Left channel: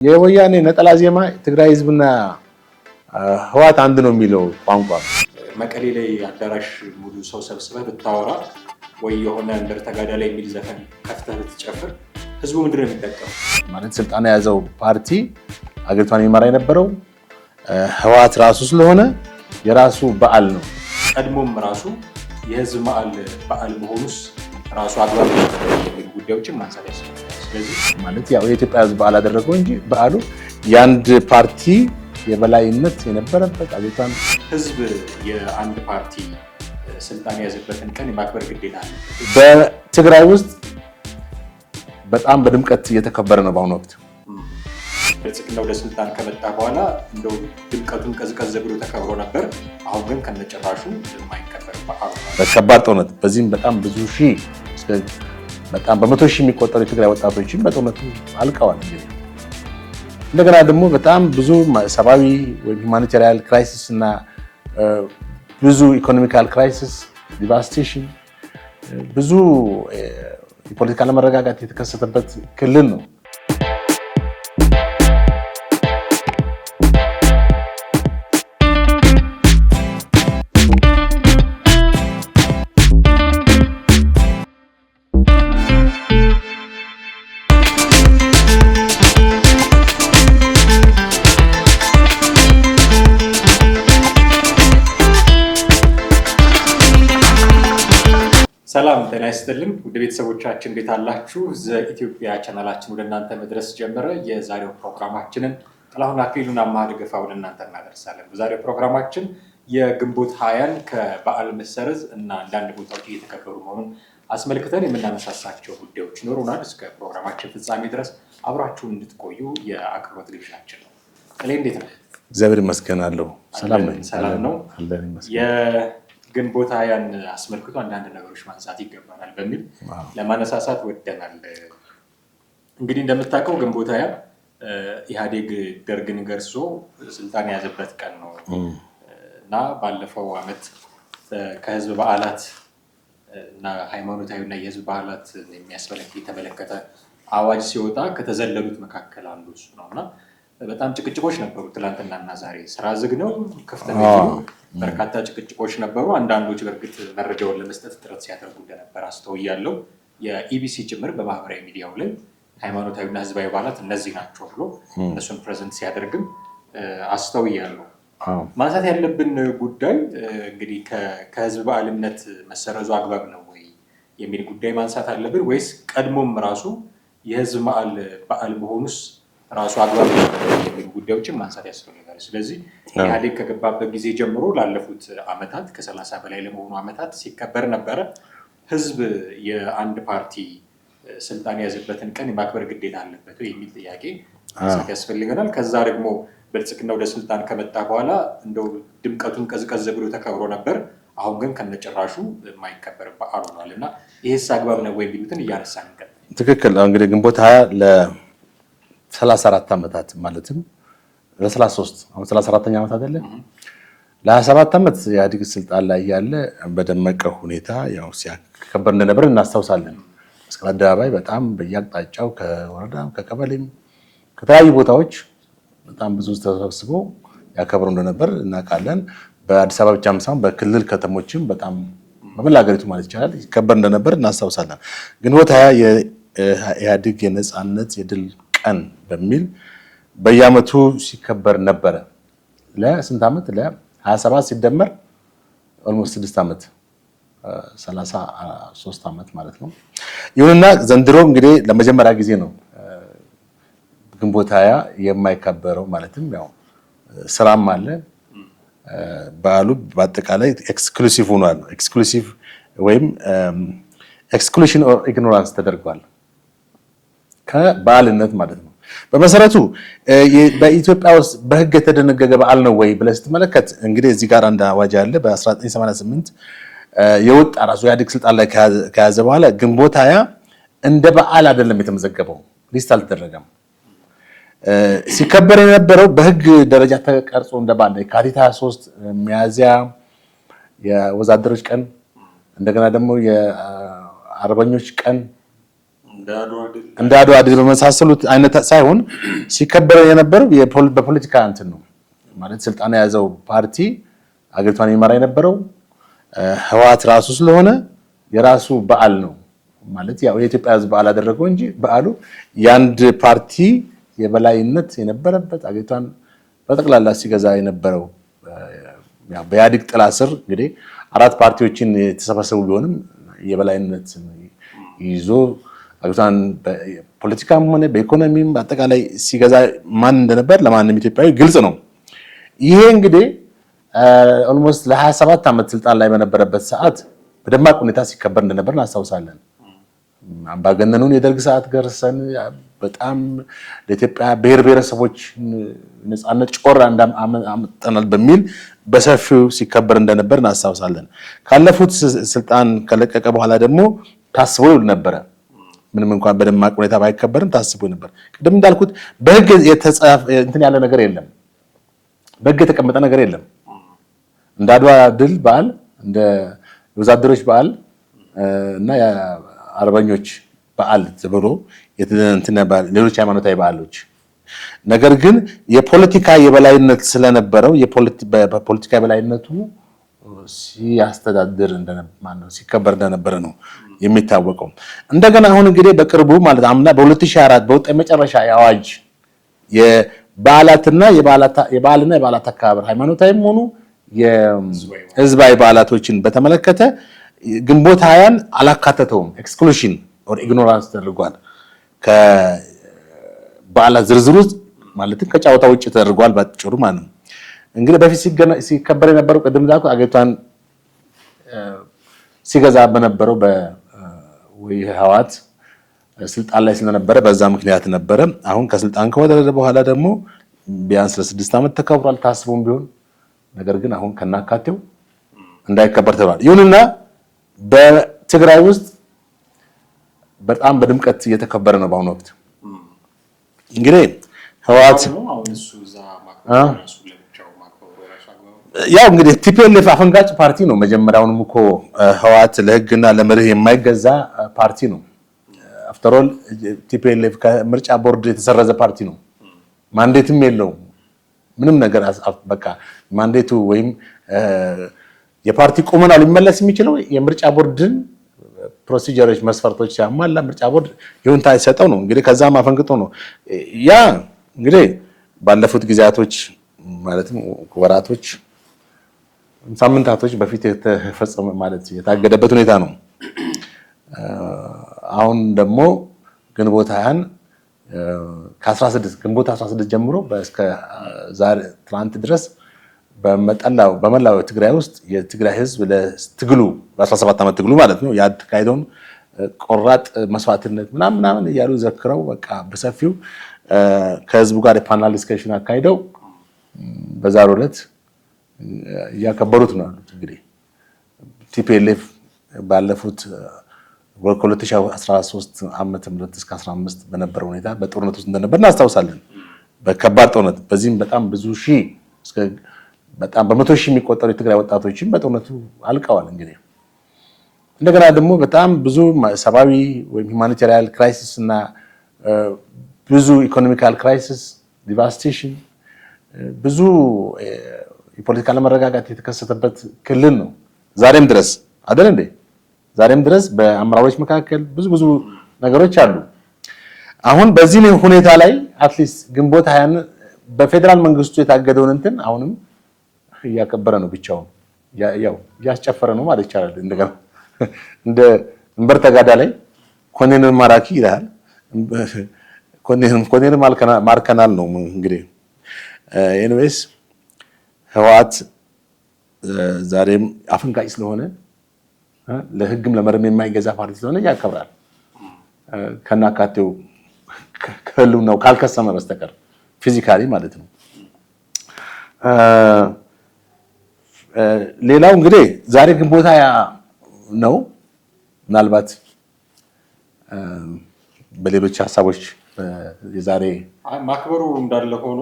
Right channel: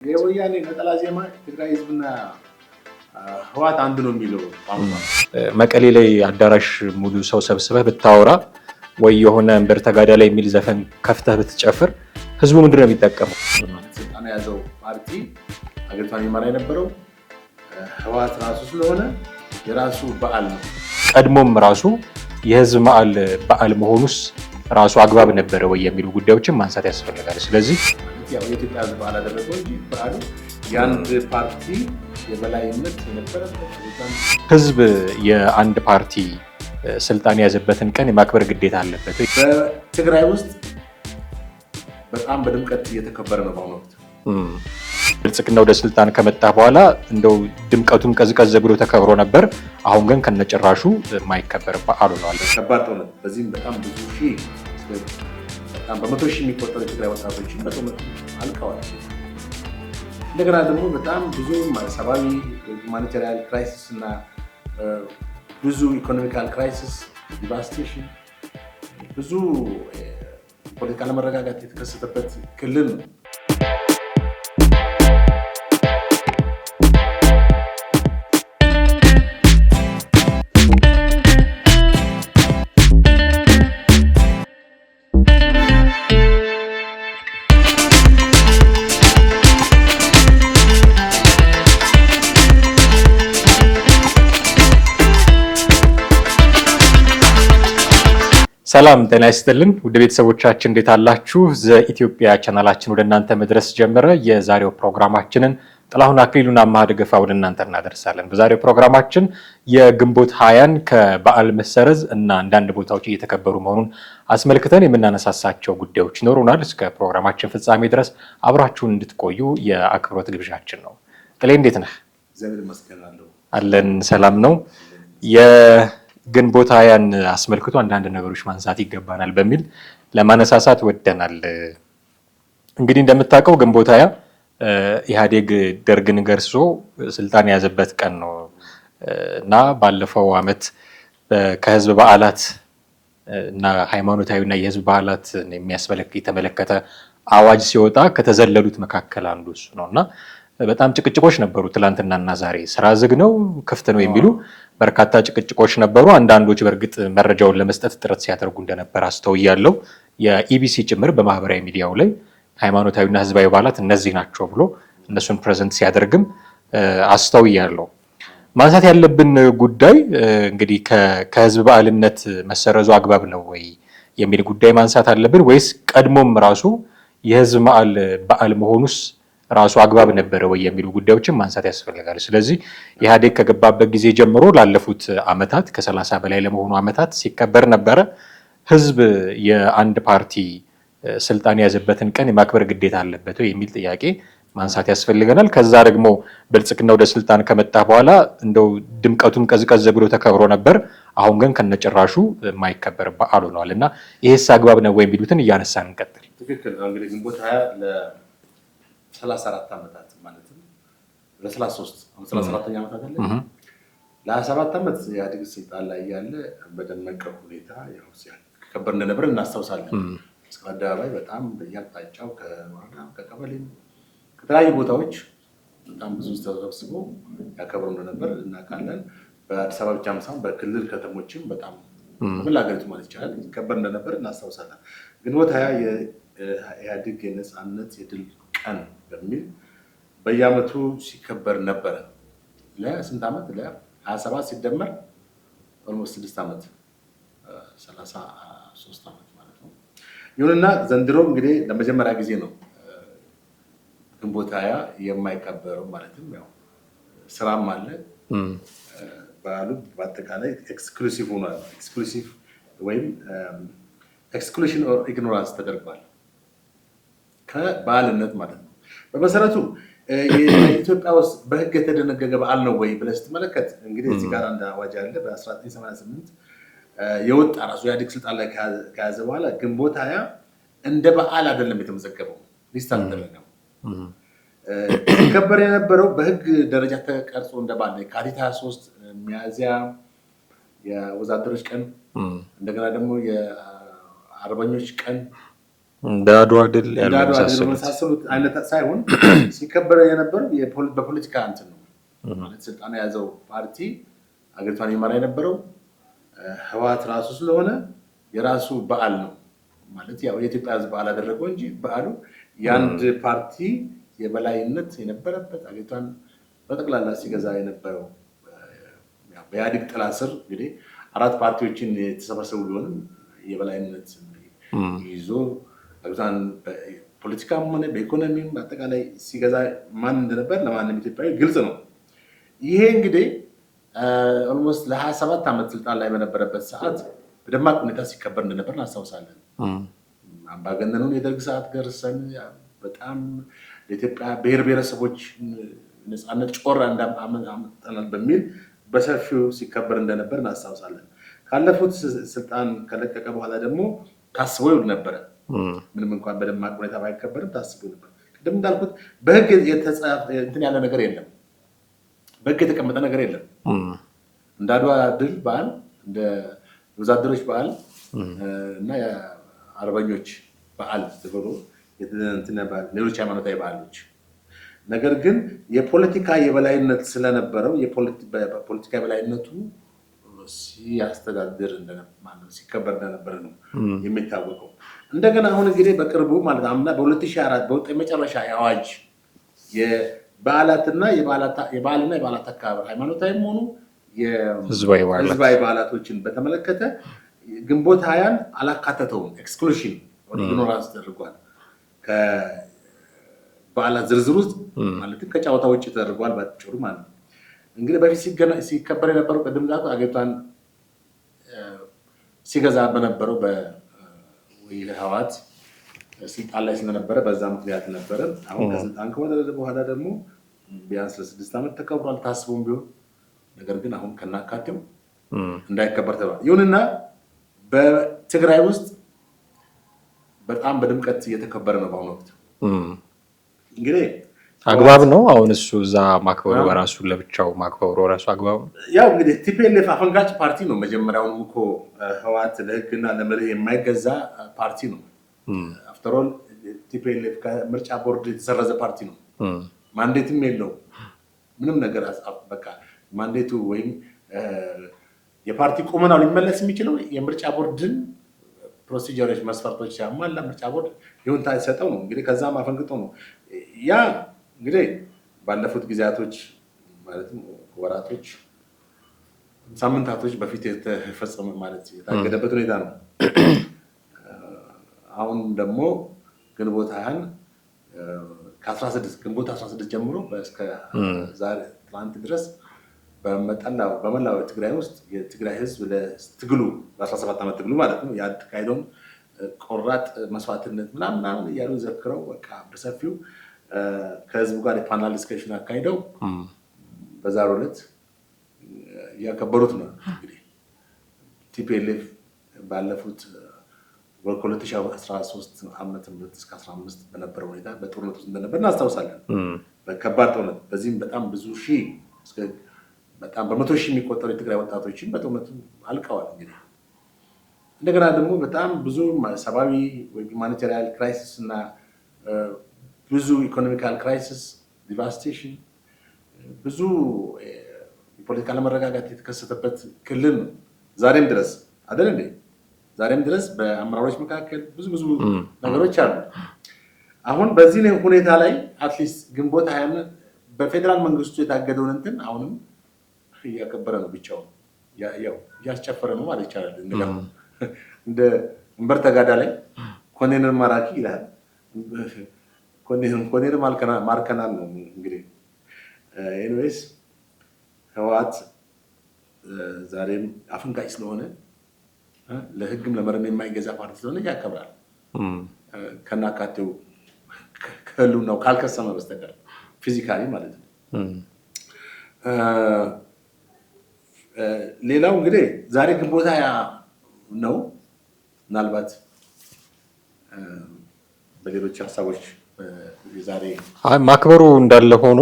የወያኔ ነጠላ ዜማ ትግራይ ህዝብና ህዋት አንድ ነው የሚለው ቋንቋ መቀሌ ላይ አዳራሽ ሙሉ ሰው ሰብስበህ ብታወራ ወይ የሆነ እንበር ተጋዳ ላይ የሚል ዘፈን ከፍተህ ብትጨፍር ህዝቡ ምንድነው የሚጠቀመው? ማለት ስልጣን የያዘው ፓርቲ አገሪቷን ይመራ የነበረው ህዋት ራሱ ስለሆነ የራሱ በዓል ነው። ቀድሞም ራሱ የህዝብ በዓል መሆኑስ ራሱ አግባብ ነበረ ወይ የሚሉ ጉዳዮችን ማንሳት ያስፈልጋል። ስለዚህ ማለት ያው የኢትዮጵያ ህዝብ በዓል አደረገው እንጂ በዓሉ የአንድ ፓርቲ የበላይነት የነበረበት አገሪቷን ህዝብ የአንድ ፓርቲ ስልጣን የያዘበትን ቀን የማክበር ግዴታ አለበት። በትግራይ ውስጥ በጣም በድምቀት እየተከበረ ነው በአሁኑ ወቅት። ብልጽግና ወደ ስልጣን ከመጣ በኋላ እንደው ድምቀቱም ቀዝቀዝ ብሎ ተከብሮ ነበር። አሁን ግን ከነጭራሹ የማይከበር በዓል ሆኗል። በከባድ ጦርነት በዚህም በጣም ብዙ ሺህ በጣም በመቶ ሺህ የሚቆጠሩ የትግራይ ወጣቶችን በጦርነቱ አልቀዋል። እንደገና ደግሞ በጣም ብዙ ሰብአዊ ሁማኒታሪያን ክራይሲስ እና ብዙ ኢኮኖሚካል ክራይሲስ ዲቫስቴሽን ብዙ ፖለቲካ ለመረጋጋት የተከሰተበት ክልል ነው። ሰላም ጤና ይስጥልን ውድ ቤተሰቦቻችን እንዴት አላችሁ? ዘኢትዮጵያ ቻናላችን ወደ እናንተ መድረስ ጀመረ። የዛሬው ፕሮግራማችንን ጥላሁን አክሊሉና አማሃ ደገፋ ወደ እናንተ እናደርሳለን። በዛሬው ፕሮግራማችን የግንቦት 20ን ከበዓል መሰረዝ እና አንዳንድ ቦታዎች እየተከበሩ መሆኑን አስመልክተን የምናነሳሳቸው ጉዳዮች ይኖሩናል። እስከ ፕሮግራማችን ፍጻሜ ድረስ አብራችሁን እንድትቆዩ የአክብሮት ግብዣችን ነው። ቅሌ እንዴት ነህ? እግዚአብሔር ይመስገን አለን። ሰላም ነው። ግንቦት 20ን አስመልክቶ አንዳንድ ነገሮች ማንሳት ይገባናል በሚል ለማነሳሳት ወደናል። እንግዲህ እንደምታውቀው ግንቦት 20 ኢህአዴግ ደርግን ገርሶ ስልጣን የያዘበት ቀን ነው እና ባለፈው ዓመት ከህዝብ በዓላት እና ሃይማኖታዊና የህዝብ በዓላት የተመለከተ አዋጅ ሲወጣ ከተዘለሉት መካከል አንዱ እሱ ነው እና በጣም ጭቅጭቆች ነበሩ። ትላንትናና ዛሬ ስራ ዝግ ነው ክፍት ነው የሚሉ በርካታ ጭቅጭቆች ነበሩ። አንዳንዶች በእርግጥ መረጃውን ለመስጠት ጥረት ሲያደርጉ እንደነበር አስተውያለሁ። የኢቢሲ ጭምር በማህበራዊ ሚዲያው ላይ ሃይማኖታዊና ህዝባዊ በዓላት እነዚህ ናቸው ብሎ እነሱን ፕሬዘንት ሲያደርግም አስተውያለሁ። ማንሳት ያለብን ጉዳይ እንግዲህ ከህዝብ በዓልነት መሰረዙ አግባብ ነው ወይ የሚል ጉዳይ ማንሳት አለብን ወይስ ቀድሞም ራሱ የህዝብ በዓል መሆኑስ ራሱ አግባብ ነበረ ወይ የሚሉ ጉዳዮችን ማንሳት ያስፈልጋል። ስለዚህ ኢህአዴግ ከገባበት ጊዜ ጀምሮ ላለፉት ዓመታት ከ30 በላይ ለመሆኑ ዓመታት ሲከበር ነበረ። ህዝብ የአንድ ፓርቲ ስልጣን የያዘበትን ቀን የማክበር ግዴታ አለበት ወይ የሚል ጥያቄ ማንሳት ያስፈልገናል። ከዛ ደግሞ ብልጽግና ወደ ስልጣን ከመጣ በኋላ እንደው ድምቀቱም ቀዝቀዝ ብሎ ተከብሮ ነበር። አሁን ግን ከነጭራሹ የማይከበር በዓል ሆኗል እና ይሄስ አግባብ ነው ወይ የሚሉትን እያነሳን እንቀጥል። ትክክል። እንግዲህ ግንቦት 20 34 ዓመታት ማለትም ለ33 አሁን 34ኛ ዓመት አይደለ? ለ27 ዓመት ኢህአዴግ ስልጣን ላይ ያለ በደመቀ ሁኔታ ያው ሲያከበር እንደነበር እናስታውሳለን። መስቀል አደባባይ በጣም በየአቅጣጫው ከወረዳ ከቀበሌም ከተለያዩ ቦታዎች በጣም ብዙ ተሰብስቦ ያከብሩ እንደነበር እናውቃለን። በአዲስ አበባ ብቻ ሳይሆን በክልል ከተሞችም በጣም በመላ ሀገሪቱ ማለት ይቻላል ይከበር እንደነበር እናስታውሳለን። ግንቦት 20 የኢህአዴግ የነፃነት የድል ቀን በሚል በየዓመቱ ሲከበር ነበረ። ለስንት ዓመት? ለ27 ሲደመር ኦልሞስት 6 ዓመት 33 ዓመት ማለት ነው። ይሁንና ዘንድሮ እንግዲህ ለመጀመሪያ ጊዜ ነው ግንቦት 20 የማይከበረው። ማለትም ያው ስራም አለ። በዓሉ በአጠቃላይ ኤክስክሉሲቭ ሆኗል። ኤክስክሉሲቭ ወይም ኤክስክሉሽን ኦር ኢግኖራንስ ተደርጓል ከበዓልነት ማለት ነው። በመሰረቱ በኢትዮጵያ ውስጥ በህግ የተደነገገ በዓል ነው ወይ ብለህ ስትመለከት እንግዲህ እዚህ ጋር አንድ አዋጅ አለ። በ1988 የወጣ ራሱ ኢህአዴግ ስልጣን ላይ ከያዘ በኋላ ግንቦት 20 እንደ በዓል አይደለም የተመዘገበው፣ ሊስት አልተደረገም። ሲከበር የነበረው በህግ ደረጃ ተቀርጾ እንደ በዓል የካቲት 23 ሚያዝያ የወዛደሮች ቀን፣ እንደገና ደግሞ የአርበኞች ቀን እንደ አድዋ ድል በመሳሰሉት አይነት ሳይሆን ሲከበር የነበረው በፖለቲካ እንትን ነው ማለት ስልጣን የያዘው ፓርቲ አገሪቷን ይመራ የነበረው ህወሓት ራሱ ስለሆነ የራሱ በዓል ነው ማለት ያው የኢትዮጵያ ህዝብ በዓል አደረገው እንጂ በዓሉ የአንድ ፓርቲ የበላይነት የነበረበት አገሪቷን በጠቅላላ ሲገዛ የነበረው በኢህአዴግ ጥላ ስር እንግዲህ 4 ፓርቲዎችን የተሰበሰቡ ቢሆንም የበላይነት ይዞ አገሪቷን በፖለቲካም ሆነ በኢኮኖሚም አጠቃላይ ሲገዛ ማን እንደነበር ለማንም ኢትዮጵያዊ ግልጽ ነው። ይሄ እንግዲህ ኦልሞስት ለ27 ዓመት ስልጣን ላይ በነበረበት ሰዓት በደማቅ ሁኔታ ሲከበር እንደነበር እናስታውሳለን። አምባገነኑን የደርግ ሰዓት ገርሰን በጣም ለኢትዮጵያ ብሔር ብሔረሰቦች ነፃነት ጮራ እንዳመጣናል በሚል በሰፊው ሲከበር እንደነበር እናስታውሳለን። ካለፉት ስልጣን ከለቀቀ በኋላ ደግሞ ታስቦ ነበረ። ምንም እንኳን በደማቅ ሁኔታ ባይከበርም ታስቦ ነበር። ቅድም እንዳልኩት በህግ የተጻፈ እንትን ያለ ነገር የለም። በህግ የተቀመጠ ነገር የለም። እንደ አድዋ ድል በዓል እንደ ወዛደሮች በዓል እና የአርበኞች በዓል ተብሎ ሌሎች ሃይማኖታዊ በዓሎች ነገር ግን የፖለቲካ የበላይነት ስለነበረው በፖለቲካ የበላይነቱ ሲያስተዳድር ሲከበር እንደነበረ ነው የሚታወቀው። እንደገና አሁን እንግዲህ በቅርቡ ማለት አምና በ2004 በወጣ የመጨረሻ የአዋጅ የበዓላትና የበዓላት አከባበር ሃይማኖታዊም ሆኑ የህዝባዊ በዓላቶችን በተመለከተ ግንቦት 20ን አላካተተውም። ኤክስክሉዥን ኦር ኢግኖራንስ ተደርጓል። ከበዓላት ዝርዝር ውስጥ ማለትም ከጨዋታ ውጭ ተደርጓል ባጭሩ ማለት ነው። እንግዲህ በፊት ሲከበር የነበረው ቅድም እንዳልኩ አገሪቷን ሲገዛ በነበረው በህወሓት ስልጣን ላይ ስለነበረ በዛ ምክንያት ነበረ። አሁን ከስልጣን ከወረደ በኋላ ደግሞ ቢያንስ ለ6 ዓመት ተከብሯል ታስቦም ቢሆን ነገር ግን አሁን ከናካቴው እንዳይከበር ተብሏል። ይሁንና በትግራይ ውስጥ በጣም በድምቀት እየተከበረ ነው በአሁኑ ወቅት። እንግዲህ አግባብ ነው አሁን እሱ እዛ ማክበሩ ራሱ ለብቻው ማክበሩ ራሱ አግባብ ያው እንግዲህ ቲፒኤልኤፍ አፈንጋጭ ፓርቲ ነው። መጀመሪያውንም እኮ ህወሓት ለህግና ለመርህ የማይገዛ ፓርቲ ነው። አፍተር ኦል ቲፒኤልኤፍ ከምርጫ ቦርድ የተሰረዘ ፓርቲ ነው። ማንዴትም የለውም ምንም ነገር በቃ ማንዴቱ ወይም የፓርቲ ቁመናው ሊመለስ የሚችለው የምርጫ ቦርድን ፕሮሲጀሮች መስፈርቶች ሲያሟላ ምርጫ ቦርድ ይሁንታ ይሰጠው ነው። እንግዲህ ከዛም አፈንግጦ ነው ያ እንግዲህ ባለፉት ጊዜያቶች ማለትም ወራቶች ሳምንታቶች በፊት የተፈጸመ ማለት የታገደበት ሁኔታ ነው። አሁን ደግሞ ግንቦት 20 ግንቦት 16 ጀምሮ እስከ ዛሬ ትናንት ድረስ በመላው ትግራይ ውስጥ የትግራይ ህዝብ ለትግሉ በ17 ዓመት ትግሉ ማለት ነው ያካሄደውን ቆራጥ መስዋዕትነት ምናምን እያሉ ዘክረው በቃ በሰፊው ከህዝቡ ጋር የፓናል ዲስከሽን አካሂደው በዛሬው ዕለት እያከበሩት ነው ያሉት። እንግዲህ ቲፒኤልኤፍ ባለፉት ከ2013 ዓመተ ምህረት እስከ 15 በነበረው ሁኔታ በጦርነት ውስጥ እንደነበር እናስታውሳለን። በከባድ ጦርነት በዚህም በጣም ብዙ ሺህ በጣም በመቶ ሺህ የሚቆጠሩ የትግራይ ወጣቶችም በጦርነቱ አልቀዋል። እንግዲህ እንደገና ደግሞ በጣም ብዙ ሰብአዊ ወይም ሁማኒታሪያን ክራይሲስ እና ብዙ ኢኮኖሚካል ክራይሲስ ዲቫስቴሽን ብዙ የፖለቲካ አለመረጋጋት የተከሰተበት ክልል ነው። ዛሬም ድረስ አይደል እንዴ? ዛሬም ድረስ በአመራሮች መካከል ብዙ ነገሮች አሉ። አሁን በዚህ ሁኔታ ላይ አትሊስት ግንቦት 20 በፌደራል መንግስቱ የታገደውን እንትን አሁንም እያከበረ ነው። ብቻውን ያው እያስጨፈረ ነው ማለት ይቻላል። እንደገና እንደ እንበር ተጋዳ ላይ ኮኔንን ማራኪ ይላል። ኮኔንን ማርከናል ነው እንግዲህ። ኤኒዌይስ ህወሓት ዛሬም አፈንጋጭ ስለሆነ ለህግም ለመርም የማይገዛ ፓርቲ ስለሆነ ያከብራል። ከናካቴው ከሁሉም ነው ካልከሰመ በስተቀር ፊዚካሊ ማለት ነው። ሌላው እንግዲህ ዛሬ ግንቦት 20 ነው። ምናልባት በሌሎች ሀሳቦች የዛሬ ማክበሩ እንዳለ ሆኖ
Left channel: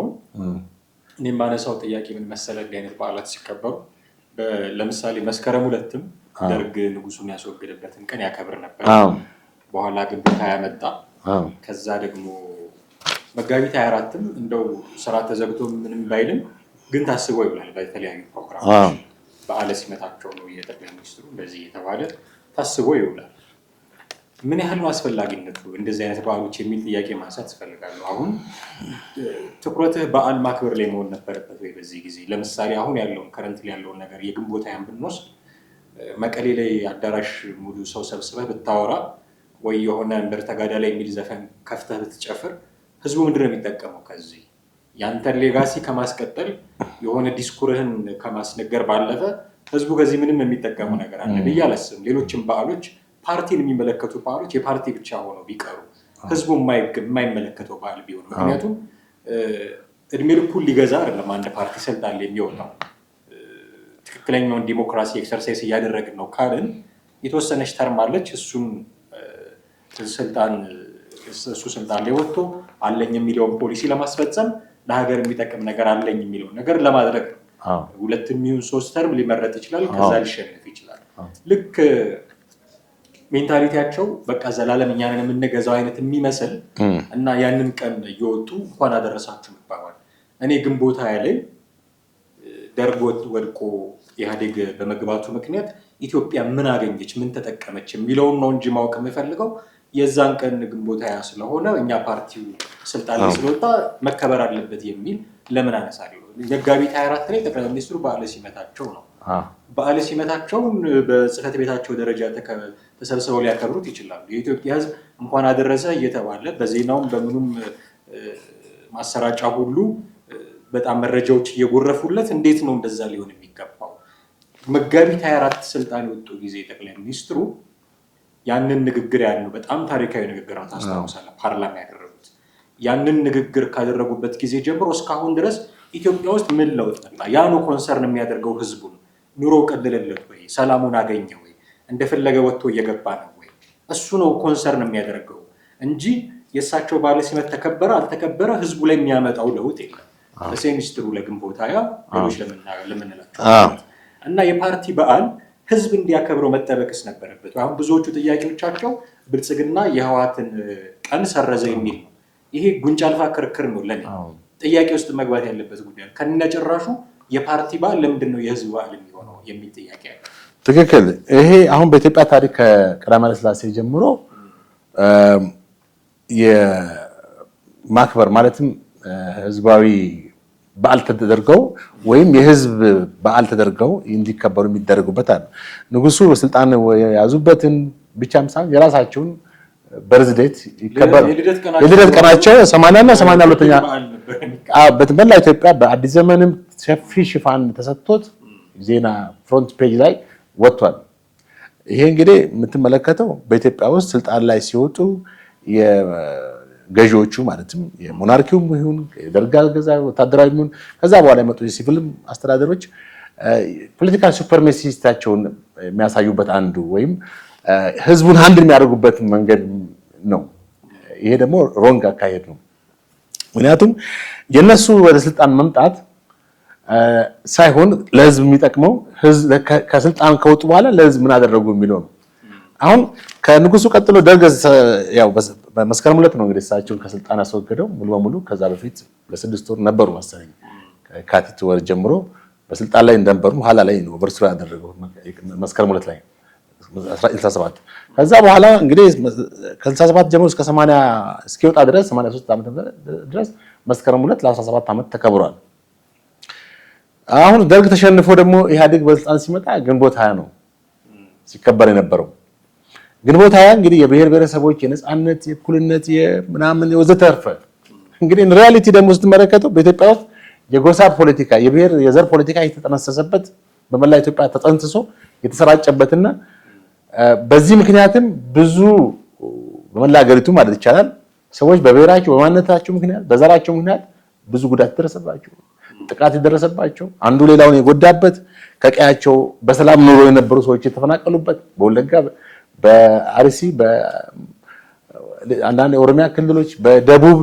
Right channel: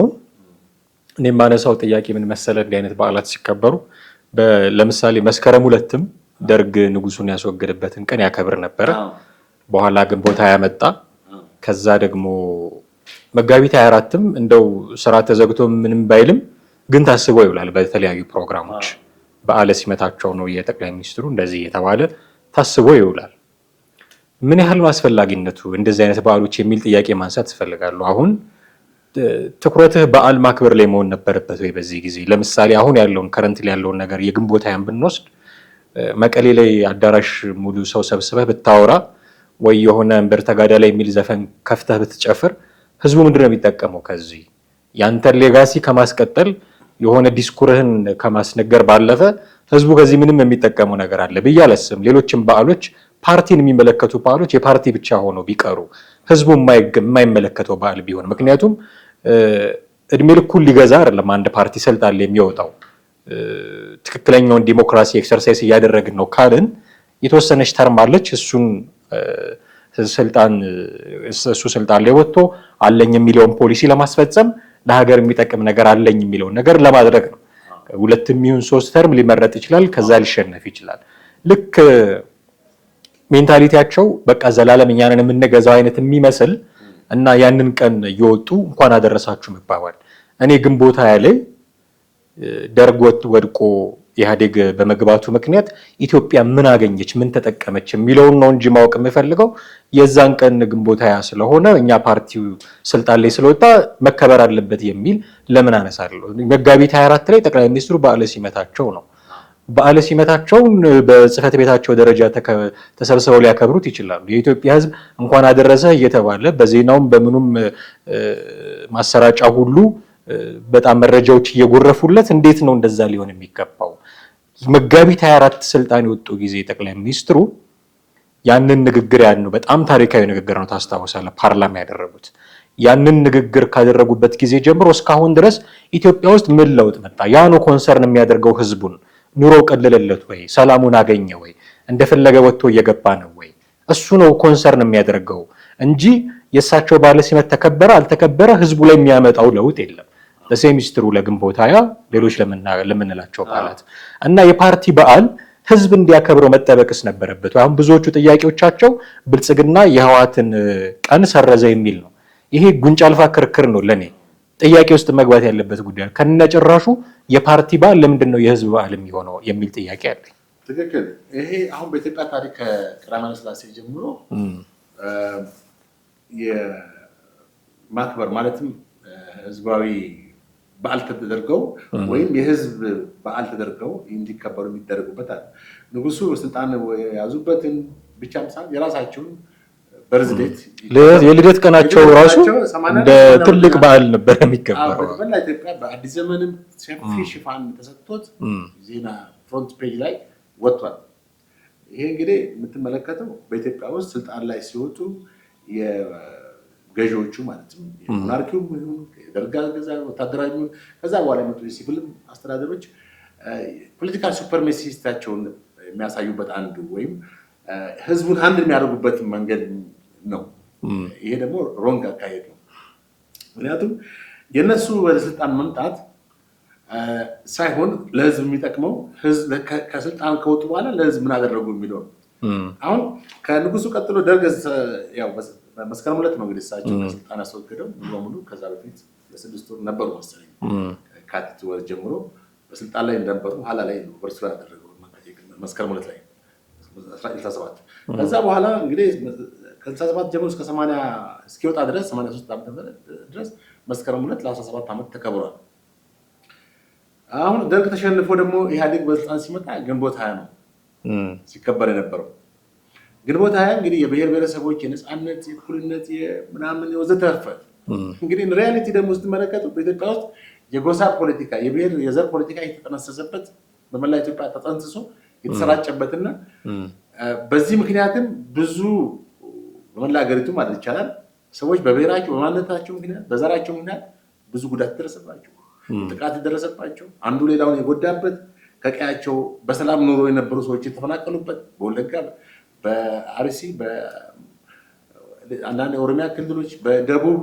እኔ የማነሳው ጥያቄ ምን መሰለህ፣ እንዲህ አይነት በዓላት ሲከበሩ ለምሳሌ መስከረም 2ም ደርግ ንጉሱን ያስወገደበትን ቀን ያከብር ነበር። በኋላ ግንቦት 20 መጣ። ከዛ ደግሞ መጋቢት 24ም እንደው ስራ ተዘግቶ ምንም ባይልም ግን ታስቦ ይውላል በተለያዩ ፕሮግራሞች። በዓለ ሲመታቸው ነው የጠቅላይ ሚኒስትሩ እንደዚህ የተባለ ታስቦ ይውላል። ምን ያህል አስፈላጊነቱ እንደዚህ አይነት በዓሎች የሚል ጥያቄ ማንሳት ይፈልጋሉ። አሁን ትኩረትህ በዓል ማክበር ላይ መሆን ነበረበት ወይ? በዚህ ጊዜ ለምሳሌ አሁን ያለውን ከረንት ላይ ያለውን ነገር የግንቦት 20 ብንወስድ መቀሌ ላይ አዳራሽ ሙሉ ሰው ሰብስበህ ብታወራ ወይ የሆነ እምበር ተጋዳ ላይ የሚል ዘፈን ከፍተህ ብትጨፍር ህዝቡ ምንድን ነው የሚጠቀመው? ከዚህ ያንተን ሌጋሲ ከማስቀጠል የሆነ ዲስኩርህን ከማስነገር ባለፈ ህዝቡ ከዚህ ምንም የሚጠቀመው ነገር አለ ብዬ አላስብም። ሌሎችም በዓሎች ፓርቲን የሚመለከቱ በዓሎች የፓርቲ ብቻ ሆነው ቢቀሩ ህዝቡ የማይመለከተው በዓል ቢሆን፣ ምክንያቱም እድሜ ልኩን ሊገዛ አይደለም አንድ ፓርቲ ስልጣን ላይ የሚወጣው። ትክክለኛውን ዲሞክራሲ ኤክሰርሳይዝ እያደረግን ነው ካልን የተወሰነች ተርም አለች። እሱ ስልጣን ላይ ወጥቶ አለኝ የሚለውን ፖሊሲ ለማስፈጸም ለሀገር የሚጠቅም ነገር አለኝ የሚለውን ነገር ለማድረግ ነው። 2 ይሁን 3 ተርም ሊመረጥ ይችላል፣ ከዛ ሊሸነፍ ይችላል። ልክ ሜንታሊቲያቸው በቃ ዘላለም እኛንን የምንገዛው አይነት የሚመስል እና ያንን ቀን እየወጡ እንኳን አደረሳችሁ መባባል። እኔ ግንቦት 20 ላይ ደርግ ወድቆ ኢህአዴግ በመግባቱ ምክንያት ኢትዮጵያ ምን አገኘች፣ ምን ተጠቀመች የሚለውን ነው እንጂ ማወቅ የምፈልገው የዛን ቀን ግንቦት 20 ስለሆነ እኛ ፓርቲው ስልጣን ላይ ስለወጣ መከበር አለበት የሚል ለምን አነሳለሁ? መጋቢት 24 ላይ ጠቅላይ ሚኒስትሩ በዓለ ሲመታቸው ነው። በዓለ ሲመታቸውን በጽህፈት ቤታቸው ደረጃ ተሰብስበው ሊያከብሩት ይችላሉ። የኢትዮጵያ ሕዝብ እንኳን አደረሰ እየተባለ በዜናውም በምኑም ማሰራጫ ሁሉ በጣም መረጃዎች እየጎረፉለት እንዴት ነው እንደዛ ሊሆን የሚገባው? መጋቢት 24 ስልጣን የወጡ ጊዜ ጠቅላይ ሚኒስትሩ ያንን ንግግር በጣም ታሪካዊ ንግግር ነው፣ ታስታውሳለህ? ፓርላማ ያደረጉት ያንን ንግግር ካደረጉበት ጊዜ ጀምሮ እስካሁን ድረስ ኢትዮጵያ ውስጥ ምን ለውጥ መጣ? ያ ነው ኮንሰርን የሚያደርገው ህዝቡን። ኑሮ ቀለለለት ወይ? ሰላሙን አገኘ ወይ? እንደፈለገ ወጥቶ እየገባ ነው ወይ? እሱ ነው ኮንሰርን የሚያደርገው እንጂ የእሳቸው በዓለ ሲመት ተከበረ አልተከበረ ህዝቡ ላይ የሚያመጣው ለውጥ የለም። ለሴሚስትሩ ለግንቦት 20 ሌሎች ለምንላቸው እና የፓርቲ በዓል ህዝብ እንዲያከብረው መጠበቅስ ነበረበት። አሁን ብዙዎቹ ጥያቄዎቻቸው ብልጽግና የህወሓትን ቀን ሰረዘ የሚል ነው። ይሄ ጉንጫ አልፋ ክርክር ነው። ለኔ ጥያቄ ውስጥ መግባት ያለበት ጉዳይ ከነጭራሹ የፓርቲ በዓል ለምንድን ነው የህዝብ በዓል የሚሆነው የሚል ጥያቄ አለ። ትክክል። ይሄ አሁን በኢትዮጵያ ታሪክ ከቀዳማዊ ኃይለ ሥላሴ ጀምሮ የማክበር ማለትም ህዝባዊ በዓል ተደርገው ወይም የህዝብ በዓል ተደርገው እንዲከበሩ የሚደረጉበት አለ። ንጉሱ ስልጣን የያዙበትን ብቻም ሳይሆን የራሳቸውን በርዝዴት የልደት ቀናቸው 80 እና 82 በዓል ነበር የሚከበረው። በመላ ኢትዮጵያ በአዲስ ዘመንም ሰፊ ሽፋን ተሰጥቶት ዜና ፍሮንት ፔጅ ላይ ወጥቷል። ይሄ እንግዲህ የምትመለከተው በኢትዮጵያ ውስጥ ስልጣን ላይ ሲወጡ ገዢዎቹ ማለትም የሞናርኪውም ይሁን የደርግ አገዛዝ ወታደራዊ ይሁን ከዛ በኋላ የመጡ የሲቪል አስተዳደሮች ፖለቲካል ሱፐርሜሲስታቸውን የሚያሳዩበት አንዱ ወይም ህዝቡን አንድ የሚያደርጉበት መንገድ ነው። ይሄ ደግሞ ሮንግ አካሄድ ነው። ምክንያቱም የነሱ ወደ ስልጣን መምጣት ሳይሆን ለህዝብ የሚጠቅመው ከስልጣን ከወጡ በኋላ ለህዝብ ምን አደረጉ የሚለው ነው። አሁን ከንጉሱ ቀጥሎ ደርግ ያው በመስከረም 2 ነው እንግዲህ እሳቸው ከስልጣን አስወገደው ሙሉ በሙሉ። ከዛ በፊት ለ6 ወር ነበሩ መሰለኝ ከካቲት ወር ጀምሮ በስልጣን ላይ እንደነበሩ ኋላ ላይ ነው ኦቨርስሮ ያደረገው መስከረም 2 ላይ 1967። ከዛ በኋላ እንግዲህ ከ67 ጀምሮ እስከ 80 እስኪወጣ ድረስ 83 ዓመት ድረስ መስከረም 2 ለ17 ዓመት ተከብሯል። አሁን ደርግ ተሸንፎ ደግሞ ኢህአዴግ በስልጣን ሲመጣ ግንቦት 20 ነው ሲከበር የነበረው። ግንቦት 20 እንግዲህ የብሔር ብሔረሰቦች የነጻነት የእኩልነት የምናምን ወዘተርፈ እንግዲህ ሪያሊቲ ደግሞ ስትመለከተው በኢትዮጵያ ውስጥ የጎሳ ፖለቲካ የብሔር የዘር ፖለቲካ የተጠነሰሰበት በመላ ኢትዮጵያ ተጠንስሶ የተሰራጨበትና በዚህ ምክንያትም ብዙ በመላ ሀገሪቱ ማለት ይቻላል ሰዎች በብሔራቸው በማንነታቸው ምክንያት በዘራቸው ምክንያት ብዙ ጉዳት ደረሰባቸው፣ ጥቃት የደረሰባቸው አንዱ ሌላውን የጎዳበት ከቀያቸው በሰላም ኑሮ የነበሩ ሰዎች የተፈናቀሉበት በወለጋ በአርሲ በአንዳንድ የኦሮሚያ ክልሎች በደቡብ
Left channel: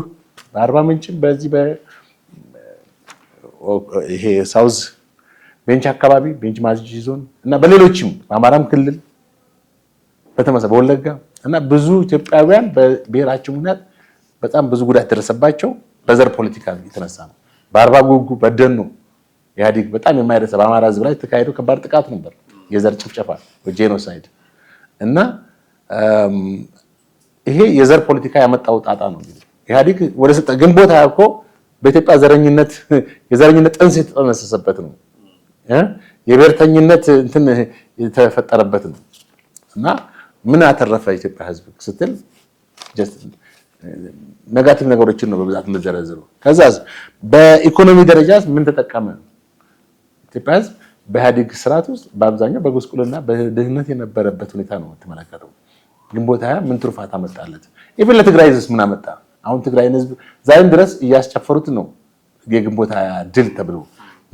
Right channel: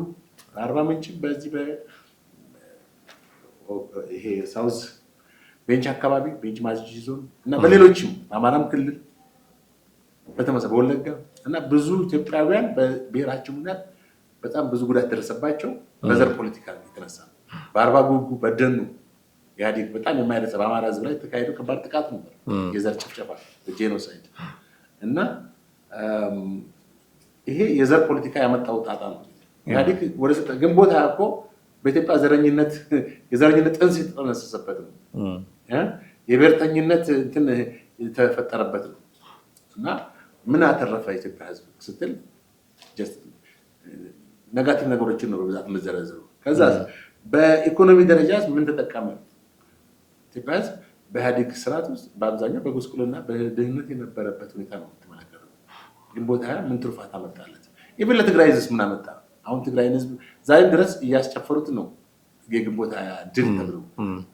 በአርባ ምንጭም በዚህ ይሄ ሳውዝ ቤንች አካባቢ ቤንች ማጂ ዞን እና በሌሎችም በአማራም ክልል በተመሳሳይ በወለጋ እና ብዙ ኢትዮጵያውያን በብሔራቸው ምክንያት በጣም ብዙ ጉዳት ደረሰባቸው በዘር ፖለቲካ የተነሳ ነው። በአርባ ጉጉ በደኑ ኢህአዴግ በጣም የማይረሳ በአማራ ህዝብ ላይ ተካሄዶ ከባድ ጥቃት ነበር፣ የዘር ጭፍጨፋ ጄኖሳይድ። እና ይሄ የዘር ፖለቲካ ያመጣው ጣጣ ነው። ኢህአዴግ ወደ ስልጣን ግንቦት ሃያ እኮ በኢትዮጵያ የዘረኝነት ጥንስ የተጠነሰሰበት ነው። የብሔርተኝነት እንትን የተፈጠረበት ነው። እና ምን አተረፈ ኢትዮጵያ ህዝብ ስትል ኔጋቲቭ ነገሮችን ነው በብዛት የምዘረዝሩ። ከዛ በኢኮኖሚ ደረጃ ምን ተጠቀመ? ኢትዮጵያ ህዝብ በኢህአዴግ ስርዓት ውስጥ በአብዛኛው በጉስቁልና በድህነት የነበረበት ሁኔታ ነው የምትመለከተው። ግንቦት ሃያ ምን ትሩፋት አመጣለት? ኢቭን ለትግራይ ህዝብ ምን አመጣ? አሁን ትግራይን ህዝብ ዛሬም ድረስ እያስጨፈሩት ነው። የግንቦት ሃያ ድል ተብሎ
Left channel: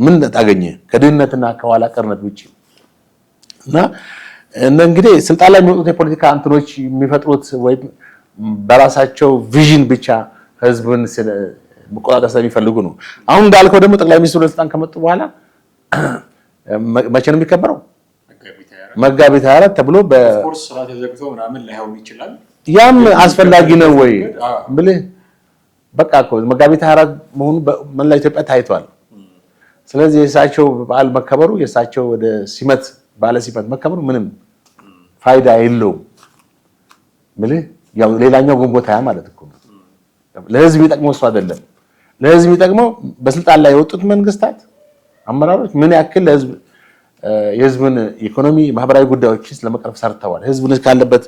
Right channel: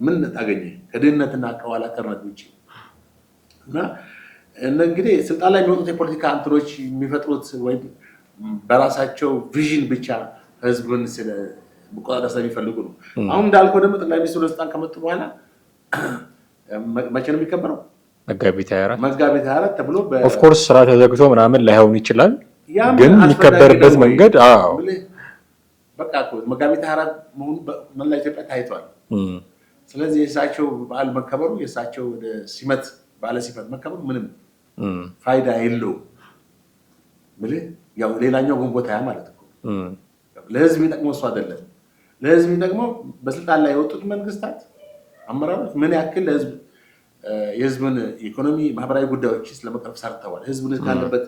ምን ታገኘ ከድህነትና ከኋላ ቀርነት ውጪ? እና እንግዲህ ስልጣን ላይ የሚወጡት የፖለቲካ እንትኖች የሚፈጥሩት ወይ በራሳቸው ቪዥን ብቻ ህዝብን መቆጣጠር ስለሚፈልጉ ነው። አሁን እንዳልከው ደግሞ ጠቅላይ ሚኒስትሩ ስልጣን ከመጡ በኋላ መቼ ነው የሚከበረው? መጋቢት 24 ተብሎ ኦፍ ኮርስ ስራ ተዘግቶ ምናምን ላይሆን ይችላል። ያም አስፈላጊ ነው ወይ ብለህ በቃ እኮ መጋቢት 24 መሆኑ በመላ ኢትዮጵያ ታይቷል። ስለዚህ የእሳቸው በዓል መከበሩ የእሳቸው ወደ ሲመት ባለ ሲመት መከበሩ ምንም ፋይዳ የለውም። ያው ሌላኛው ግንቦት ሃያ ማለት እኮ ለህዝብ የሚጠቅመው እሱ አይደለም። ለህዝብ የሚጠቅመው በስልጣን ላይ የወጡት መንግስታት አመራሮች ምን ያክል ለህዝብ የህዝብን ኢኮኖሚ ማህበራዊ ጉዳዮችን ለመቅረፍ ሰርተዋል። ህዝብን ካለበት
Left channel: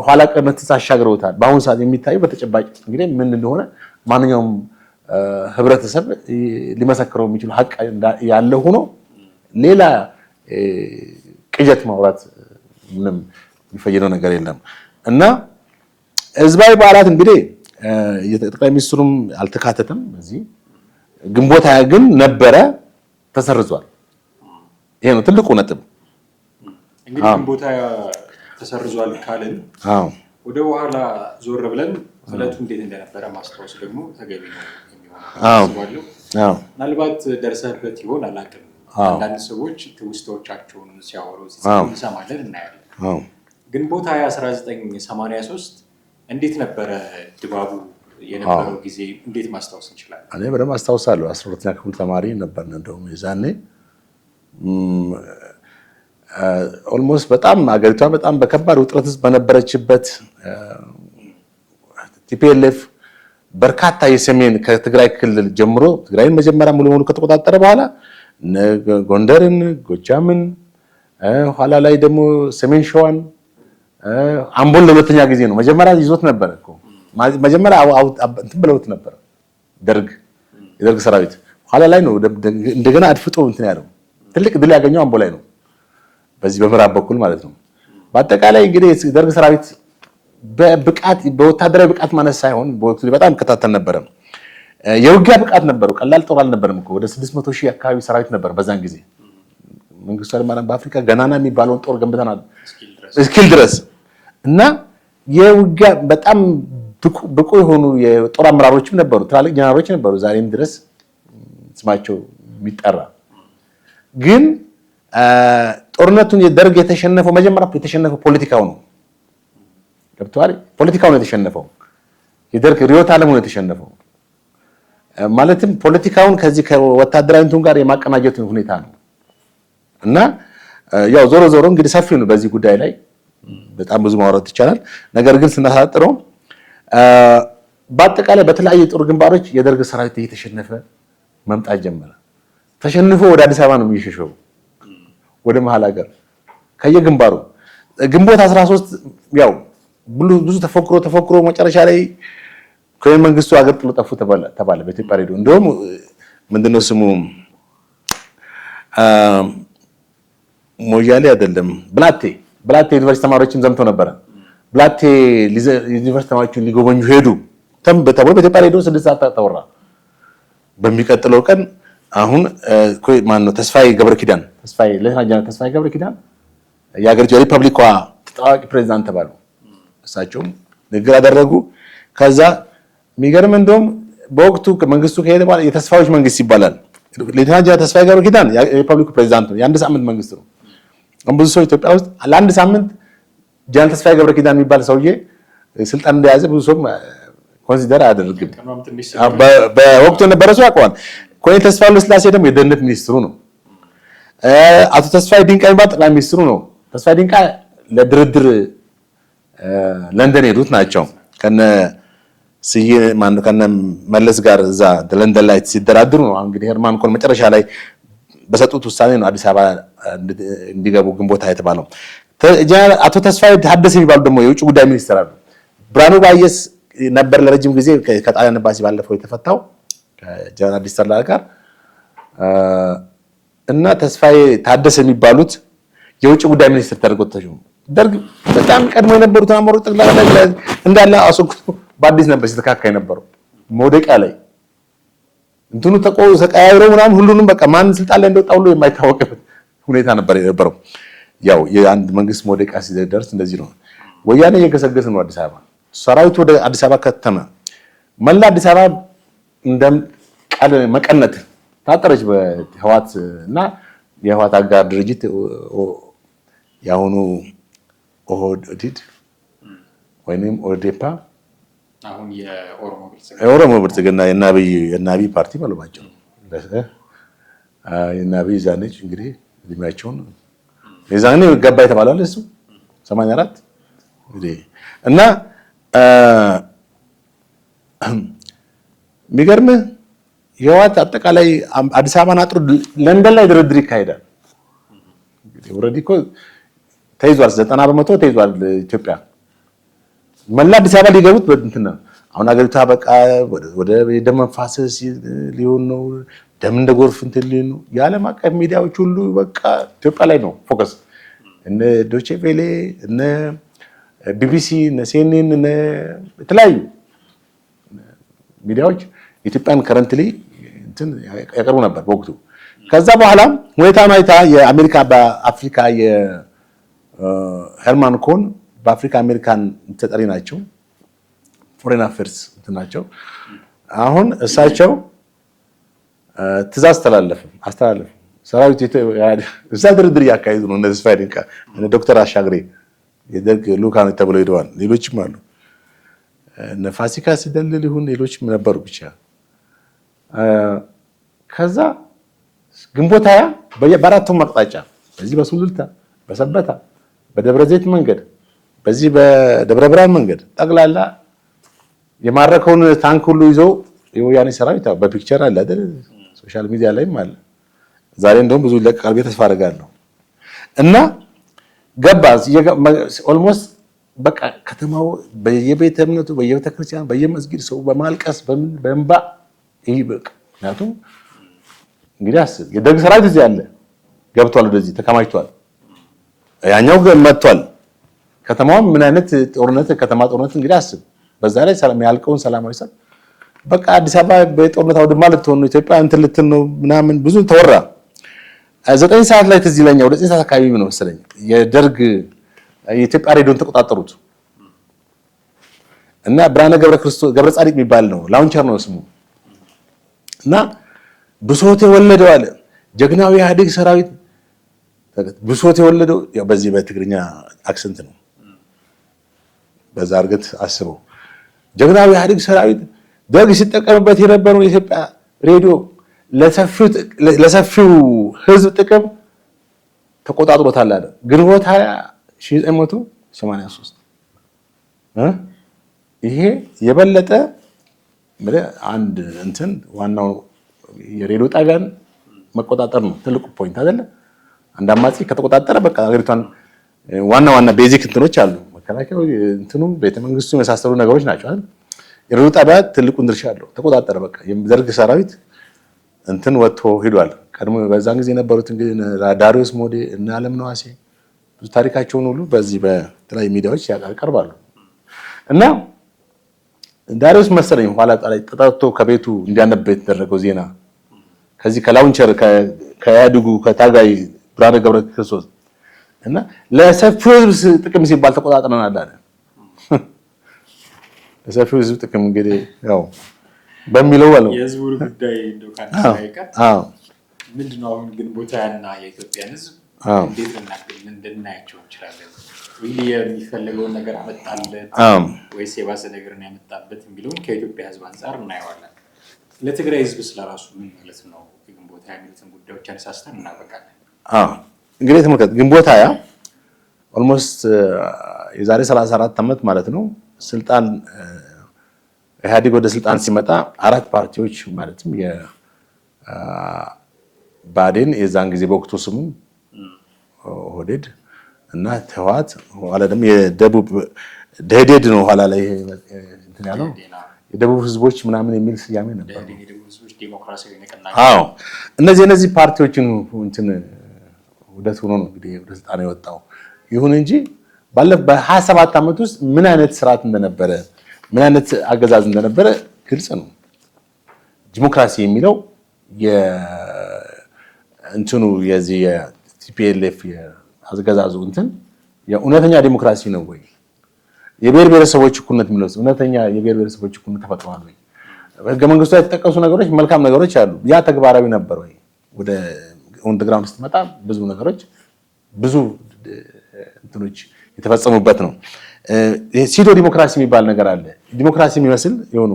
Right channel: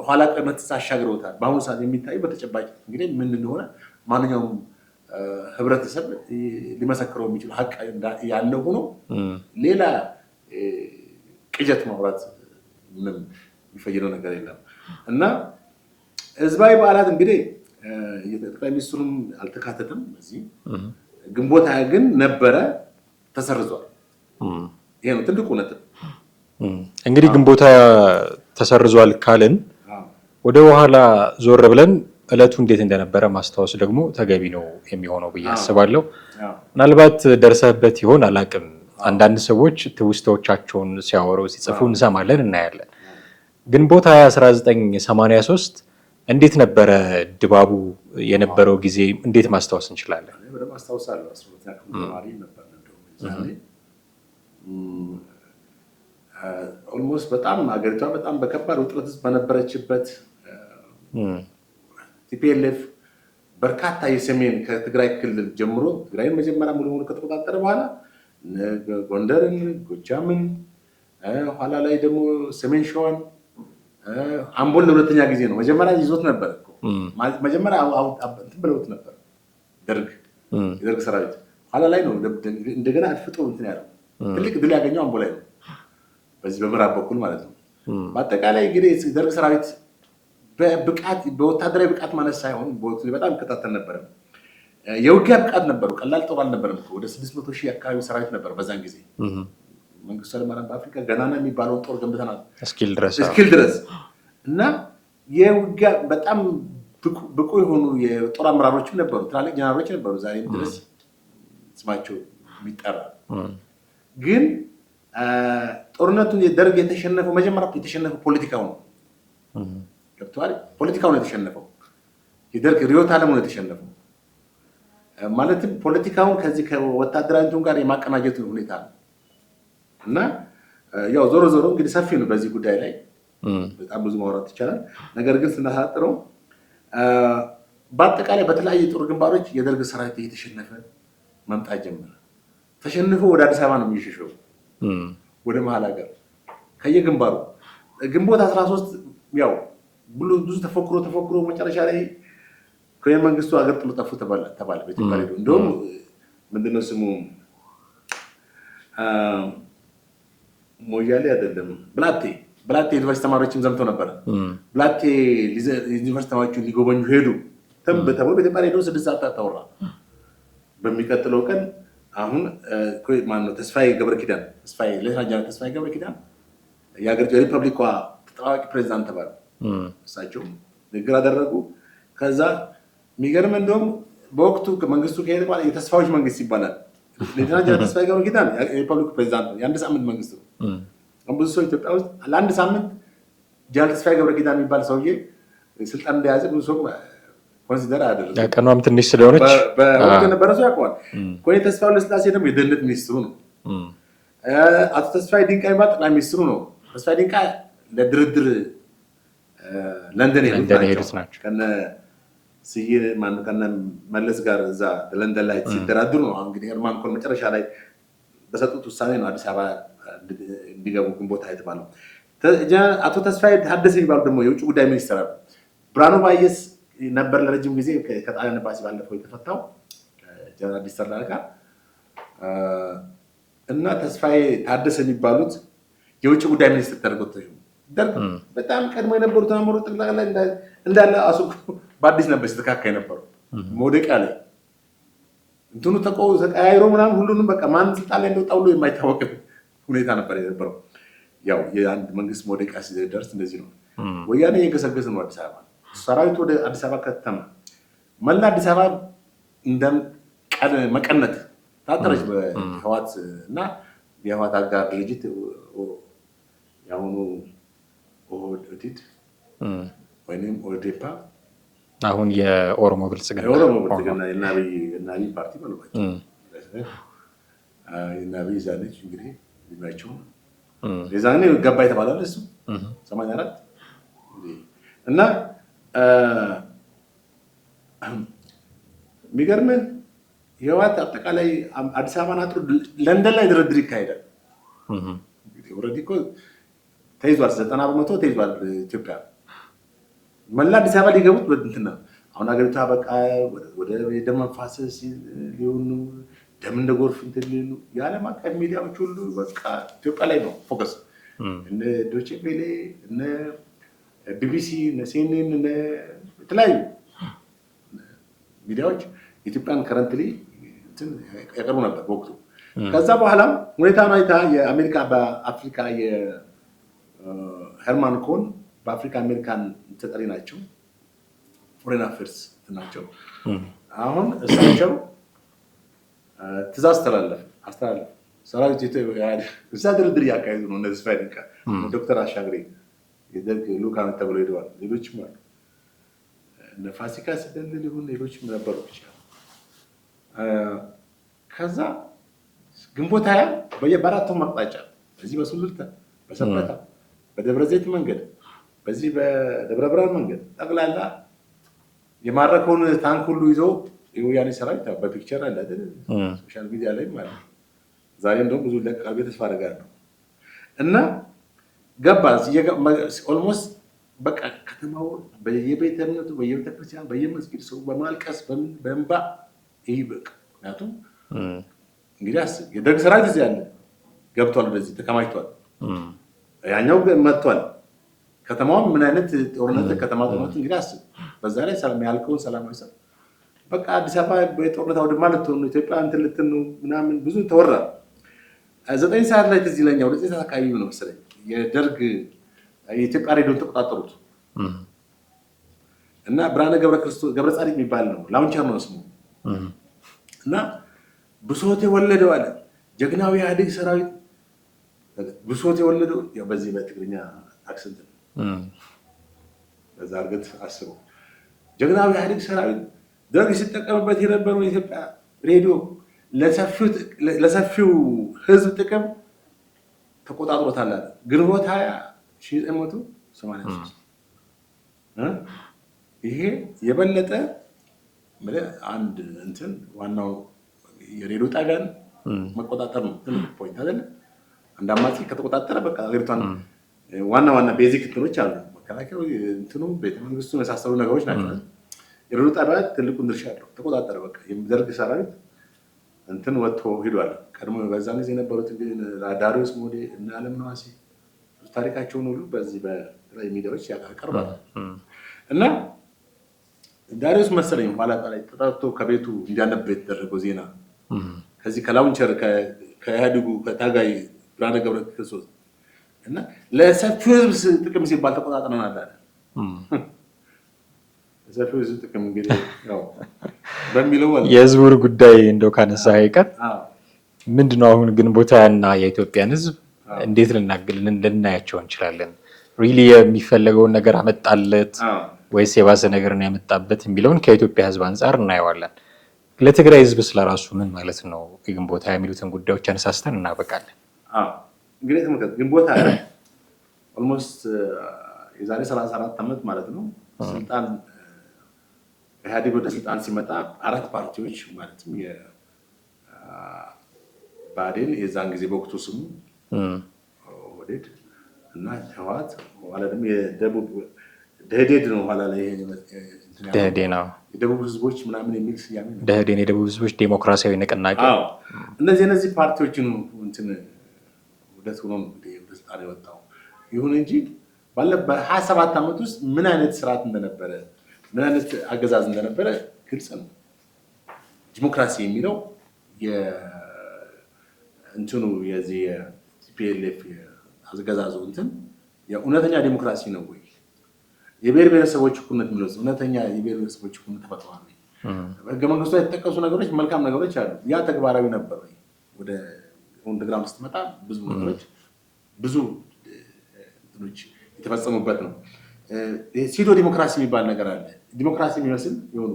ኋላ ቀርነት አሻግረውታል። በአሁኑ ሰዓት የሚታየው በተጨባጭ እንግዲህ ምን እንደሆነ ማንኛውም ህብረተሰብ ሊመሰክረው የሚችል ሀቅ ያለ ሆኖ ሌላ ቅዠት ማውራት ምንም የሚፈይደው ነገር የለም። እና ህዝባዊ በዓላት እንግዲህ የጠቅላይ ሚኒስትሩም አልተካተተም እዚህ። ግንቦት ሃያ ግን ነበረ፣ ተሰርዟል። ይሄ ነው ትልቁ ነጥብ። እንግዲህ ግንቦት ሃያ ተሰርዟል ካልን ወደ ኋላ ዞር ብለን እለቱ እንዴት እንደነበረ ማስታወስ ደግሞ ተገቢ ነው የሚሆነው ብዬ አስባለሁ። ምናልባት ደርሰህበት ይሆን አላውቅም። አንዳንድ ሰዎች ትውስታዎቻቸውን ሲያወሩ ሲጽፉ እንሰማለን፣ እናያለን። ግንቦት 1983 እንዴት ነበረ ድባቡ የነበረው ጊዜ እንዴት ማስታወስ እንችላለን? እኔ በደንብ አስታውሳለሁ። 12ኛ ክፍል ተማሪ ነበር እንደውም የዛኔ። ኦልሞስት በጣም አገሪቷ በጣም በከባድ ውጥረት ውስጥ በነበረችበት ቲፒኤልኤፍ በርካታ የሰሜን ከትግራይ ክልል ጀምሮ ትግራይን መጀመሪያ ሙሉ በሙሉ ከተቆጣጠረ በኋላ ጎንደርን፣ ጎጃምን፣ ኋላ ላይ ደግሞ ሰሜን ሸዋን፣ አምቦን ለሁለተኛ ጊዜ ነው። መጀመሪያ ይዞት ነበር እኮ መጀመሪያ እንትን ብለውት ነበር የደርግ ሰራዊት። ኋላ ላይ ነው እንደገና አድፍጦ እንትን ያለው። ትልቅ ድል ያገኘው አምቦ ላይ ነው፣ በዚህ በምዕራብ በኩል ማለት ነው። በአጠቃላይ እንግዲህ የደርግ ሰራዊት በብቃት በወታደራዊ ብቃት ማለት ሳይሆን በወቅቱ በጣም ከታተል ነበር። የውጊያ ብቃት ነበረው። ቀላል ጦር አልነበረም እኮ። ወደ 600,000 አካባቢ ሰራዊት ነበር በዛን ጊዜ። መንግስቱ ኃይለማርያም በአፍሪካ ገናና የሚባለውን ጦር ገንብተናል እስኪል ድረስ እና የውጊያ በጣም ብቁ የሆኑ የጦር አመራሮችም ነበሩ፣ ትላልቅ ጀነራሎች ነበሩ፣ ዛሬም ድረስ ስማቸው የሚጠራ። ግን ጦርነቱን የደርግ የተሸነፈው መጀመሪያ የተሸነፈው ፖለቲካው ነው። ገብቶሃል? ፖለቲካው ነው የተሸነፈው። የደርግ ርዕዮተ ዓለሙ ነው የተሸነፈው። ማለትም ፖለቲካውን ከዚህ ከወታደራዊ እንትን ጋር የማቀናጀት ሁኔታ ነው። እና ያው ዞሮ ዞሮ እንግዲህ ሰፊ ነው በዚህ ጉዳይ ላይ በጣም ብዙ ማውራት ይቻላል። ነገር ግን ስናሳጥረው በአጠቃላይ በተለያዩ የጦር ግንባሮች የደርግ ሰራዊት እየተሸነፈ መምጣት ጀመረ። ተሸንፎ ወደ አዲስ አበባ ነው የሚሸሸው፣ ወደ መሀል ሀገር ከየግንባሩ። ግንቦት 13 ያው ብዙ ተፎክሮ መጨረሻ ላይ ኮሎኔል መንግስቱ ሀገር ጥሎ ጠፉ ተባለ በኢትዮጵያ ሬዲዮ። እንደውም ምንድነው ስሙ ሞያሌ አይደለም ብላቴ ዩኒቨርሲቲ ተማሪዎችም ዘምተው ነበረ። ብላቴ ዩኒቨርሲቲ ተማሪዎችን ሊጎበኙ ሄዱ ተብሎ በኢትዮጵያ ሬዲዮ 6 ሰዓት ተወራ። በሚቀጥለው ቀን አሁን ማነው ተስፋዬ ገብረ ኪዳን የሀገሪቱ የሪፐብሊኳ ተጣዋቂ ፕሬዚዳንት ተባሉ። እሳቸውም ንግግር አደረጉ። ከዛ የሚገርም እንደውም በወቅቱ መንግስቱ ከሄደ በኋላ የተስፋዎች መንግስት ይባላል። ሌተናንት ጀነራል ተስፋዬ ገብረ ኪዳን የሪፐብሊኩ ፕሬዚዳንት ነው። የአንድ ሳምንት መንግስት ነው። ብዙ ሰው ኢትዮጵያ ውስጥ ለአንድ ሳምንት ጀነራል ተስፋዬ ገብረ ኪዳን የሚባል ሰውዬ ስልጣን እንደያዘ ብዙ ሰው ኮንሲደር አደረገ። ቀኗም ትንሽ ስለሆነ በወቅቱ የነበረ ሰው ያውቀዋል። ኮሎኔል ተስፋዬ ወልደስላሴ ደግሞ የደህንነት ሚኒስትሩ ነው። አቶ ተስፋዬ ዲንቃ የሚባል ጠቅላይ ሚኒስትሩ ነው። ተስፋዬ ዲንቃ ለድርድር ለንደን ሄዱት ናቸው ከነ ስዬ ማነው ከነ መለስ ጋር እዛ ለንደን ላይ ሲደራድሩ ነው። እንግዲህ ሄርማን ኮን መጨረሻ ላይ በሰጡት ውሳኔ ነው አዲስ አበባ እንዲገቡ ግንቦት የተባለው። አቶ ተስፋዬ ታደሰ የሚባሉ ደግሞ የውጭ ጉዳይ ሚኒስትር አሉ። ብርሃኑ ባየስ ነበር ለረጅም ጊዜ ከጣሊያን ኤምባሲ ባለፈው የተፈታው ከጀነራል አዲስ ተድላ ጋር እና ተስፋዬ ታደሰ የሚባሉት የውጭ ጉዳይ ሚኒስትር ተደርጎ ተሾሙ። ደርግ በጣም ቀድሞ የነበሩት አመራሮች ጠቅላላ እንዳለ አስወግዶ በአዲስ ነበር ሲተካካ የነበረው መውደቂያ ላይ እንትኑ ተቀያይሮ ምናምን ሁሉንም በቃ ማን ስልጣን ላይ እንደወጣ ሁሉ የማይታወቅ ሁኔታ ነበር የነበረው። ያው የአንድ መንግስት መውደቂያ ሲደርስ እንደዚህ ነው። ወያኔ እየገሰገሰ ነው አዲስ አበባ። ሰራዊቱ ወደ አዲስ አበባ ከተመ። መላ አዲስ አበባ እንደ መቀነት ታጠረች በህዋት እና የህዋት አጋር ድርጅት ያሁኑ ኦህዴድ ወይንም ኦዴፓ አሁን የኦሮሞ ብልጽግና የናብይ ፓርቲ ባለባቸው የናብይ ዛኔች እንግዲህ እድሜያቸውን የዛኔ ገባ የተባለው እሱ 84 እንግዲህ እና የሚገርምህ የህወሓት አጠቃላይ አዲስ አበባን አጥሮ ለንደን ላይ ድርድር ይካሄዳል። እንግዲህ ኦልሬዲ እኮ ተይዟል፣ 90% ተይዟል። ኢትዮጵያ መላ አዲስ አበባ ሊገቡት በእንትን ነው። አሁን ሀገሪቷ በቃ ወደ ደም መፋሰስ ሊሆን ነው። ደም እንደ ጎርፍ እንትን ሊሆን ነው። የዓለም አቀፍ ሚዲያዎች ሁሉ በቃ ኢትዮጵያ ላይ ነው ፎከስ። እነ ዶቼ ቬሌ እነ ቢቢሲ እነ ሲኤንኤን እነ የተለያዩ ሚዲያዎች ኢትዮጵያን ከረንትሊ እንትን ያቀርቡ ነበር በወቅቱ። ከዛ በኋላ ሁኔታውን አይታ የአሜሪካ በአፍሪካ ሄርማን ኮን በአፍሪካ አሜሪካን ተጠሪ ናቸው፣ ፎሬን አፌርስ ናቸው። አሁን እሳቸው ትእዛዝ አስተላለፍ ሰራዊት እዛ ድርድር እያካሄዱ ነው። እነዚህ ፋይዲንካ ዶክተር አሻግሬ የደርግ ልኡካን ተብለው ሄደዋል። ሌሎችም አሉ። እነ ፋሲካ ሲደልል ይሁን ሌሎችም ነበሩ። ብቻ ከዛ ግንቦት 20 በአራቱም አቅጣጫ በዚህ በሱሉልታ በሰበታ በደብረ ዘይት መንገድ በዚህ በደብረ ብርሃን መንገድ ጠቅላላ የማረከውን ታንክ ሁሉ ይዘው የወያኔ ሰራዊት በፒክቸር አለ አይደል? ሶሻል ሚዲያ ላይም አለ። ዛሬ እንደውም ብዙ ይለቀቃል ብዬ ተስፋ አደርጋለሁ። እና ገባ ኦልሞስት በቃ ከተማው በየቤተ እምነቱ በየቤተ ክርስቲያን በየመስጊድ ሰው በማልቀስ በእንባ ይሄ በቃ ምክንያቱም እንግዲህ አስብ የደርግ ሰራዊት እዚህ አለ ገብቷል፣ ወደዚህ ተከማችቷል። ያኛው መጥቷል። ከተማው ምን አይነት ጦርነት ከተማ ጦርነት እንግዲህ አስብ። በዛ ላይ ሰላም ያልቀውን ሰላማዊ ሰልፍ በቃ አዲስ አበባ በጦርነት አውድማ ልትሆን ነው፣ ኢትዮጵያ እንትን ልትል ነው ምናምን ብዙ ተወራ። 9 ሰዓት ላይ ትዝ ይለኛል፣ ወደ 9 ሰዓት አካባቢ ነው መሰለኝ የደርግ የኢትዮጵያ ሬዲዮን ተቆጣጠሩት እና ብርሃነ ገብረ ጻዲቅ የሚባል ነው ላውንቸር ነው ስሙ እና ብሶት የወለደው አለ ጀግናው ኢህአዴግ ሰራዊት ብሶት የወለደው ያው በዚህ በትግርኛ አክሰንት ነው። በዛ አርገት አስበው ጀግናው ኢህአዴግ ሰራዊት ደርግ ሲጠቀምበት የነበረው የኢትዮጵያ ሬዲዮ ለሰፊው ህዝብ ጥቅም ተቆጣጥሮታል አለ። ግንቦት 1983 ይሄ የበለጠ አንድ እንትን ዋናው የሬዲዮ ጣቢያን መቆጣጠር ነው ትልቁ ፖይንት አይደለ? አንድ አማጺ ከተቆጣጠረ በቃ ሀገሪቷን ዋና ቤዚክ እንትኖች አሉ። መከላከያው እንትኑ ቤተመንግስቱ የመሳሰሉ ነገሮች ናቸው አይደል? የሬዲዮ ጣቢያ ትልቁን ድርሻ አለው። ተቆጣጠረ በቃ የደርግ ሰራዊት እንትን ወጥቶ ሄዷል። ቀድሞ በዛን ጊዜ የነበሩት እንግዲህ ዳሪዮስ ሞዴ እና አለም ነዋሴ ብዙ ታሪካቸውን ሁሉ በዚህ በተለያዩ ሚዲያዎች ያቀርባሉ። እና ዳሪዮስ መሰለኝ ኋላ ላይ ተጣጥቶ ከቤቱ እንዲያነብ የተደረገው ዜና ከዚህ ከላውንቸር ከያድጉ ከታጋይ ብርሃነ ገብረ ክርስቶስ እና ለሰፊው ህዝብ ጥቅም ሲባል ተቆጣጥረናል አለ። ለሰፊው ህዝብ ጥቅም እንግዲህ ያው በሚለው አለ የህዝቡን ጉዳይ እንደው ካነሳ አይቀር ምንድነው አሁን ግንቦት 20 እና የኢትዮጵያን ህዝብ እንዴት ልናያቸው እንችላለን? ሪሊ የሚፈለገውን ነገር አመጣለት ወይስ የባሰ ነገር ነው ያመጣበት የሚለውን ከኢትዮጵያ ሕዝብ አንጻር እናየዋለን። ለትግራይ ሕዝብ ስለራሱ ምን ማለት ነው የግንቦት ሃያ የሚሉትን ጉዳዮች አነሳስተን እናበቃለን። እንግዲህ ተመልከት፣ ግንቦት ሃያ ኦልሞስት የዛሬ 34 ዓመት ማለት ነው ስልጣን ኢህአዴግ ወደ ስልጣን ሲመጣ 4 ፓርቲዎች ማለትም የብአዴን የዛን ጊዜ በወቅቱ ስሙ ኦህዴድ እና ህወሓት ኋላ ደግሞ የደቡብ ደኢህዴን ነው ኋላ ላይ የደቡብ ህዝቦች ምናምን የሚል ስያሜ ነው። ደኢህዴን የደቡብ ህዝቦች ዴሞክራሲያዊ ንቅናቄ። እነዚህ ፓርቲዎችን እንትን ውህደት ሆኖ ነው እንግዲህ ወደ ስልጣን የወጣው። ይሁን እንጂ በ27 ዓመት ውስጥ ምን አይነት ስርዓት እንደነበረ ምን አይነት አገዛዝ እንደነበረ ግልጽ ነው። ዲሞክራሲ የሚለው እንትኑ የዚህ የቲፒኤልኤፍ አገዛዙ እንትን የእውነተኛ ዲሞክራሲ ነው ወይ? የብሔር ብሔረሰቦች እኩልነት የሚለው እውነተኛ የብሔር ብሔረሰቦች እኩልነት ተፈጥሯል ወይ? ህገ መንግስቱ ላይ የተጠቀሱ ነገሮች መልካም ነገሮች አሉ። ያ ተግባራዊ ነበር ወይ? ወደ ግራውንድ ስትመጣ ብዙ ነገሮች ብዙ እንትኖች የተፈጸሙበት ነው። ሲዶ ዲሞክራሲ የሚባል ነገር አለ። ዲሞክራሲ የሚመስል የሆኑ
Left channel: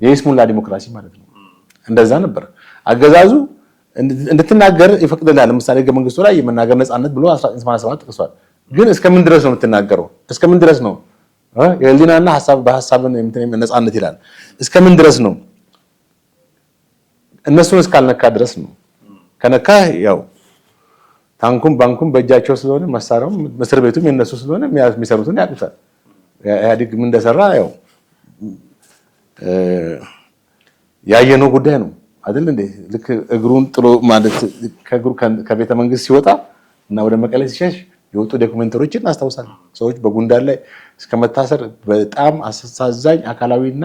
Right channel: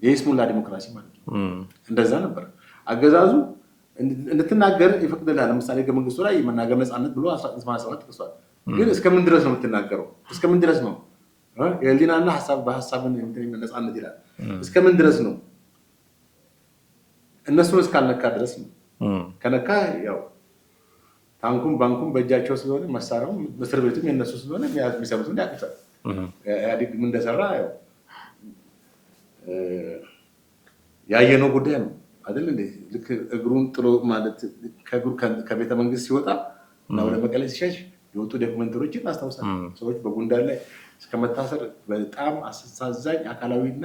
የይስሙላ ዲሞክራሲ ማለት ነው። እንደዛ ነበር አገዛዙ እንድትናገር ይፈቅድልሃል። ለምሳሌ ህገ መንግስቱ ላይ የመናገር ነፃነት ብሎ 1987 ተጠቅሷል። ግን እስከምን ድረስ ነው የምትናገረው? እስከምን ድረስ ነው የህሊናና በሀሳብን ነፃነት ይላል። እስከምን ድረስ ነው? እነሱን እስካልነካ ድረስ ነው። ከነካ ያው ታንኩም ባንኩም በእጃቸው ስለሆነ መሳሪያውም እስር ቤቱም የነሱ ስለሆነ የሚሰሩትን ያውቁታል። ኢህአዴግ ምን እንደሰራ ያው ያየነው ጉዳይ ነው አይደል እንዴ? ልክ እግሩን ጥሎ ማለት ከቤተ መንግስት ሲወጣ እና ወደ መቀሌ ሲሸሽ የወጡ ዶክመንተሪዎችን እናስታውሳለን። ሰዎች በጉንዳን ላይ እስከመታሰር በጣም አሳዛኝ አካላዊና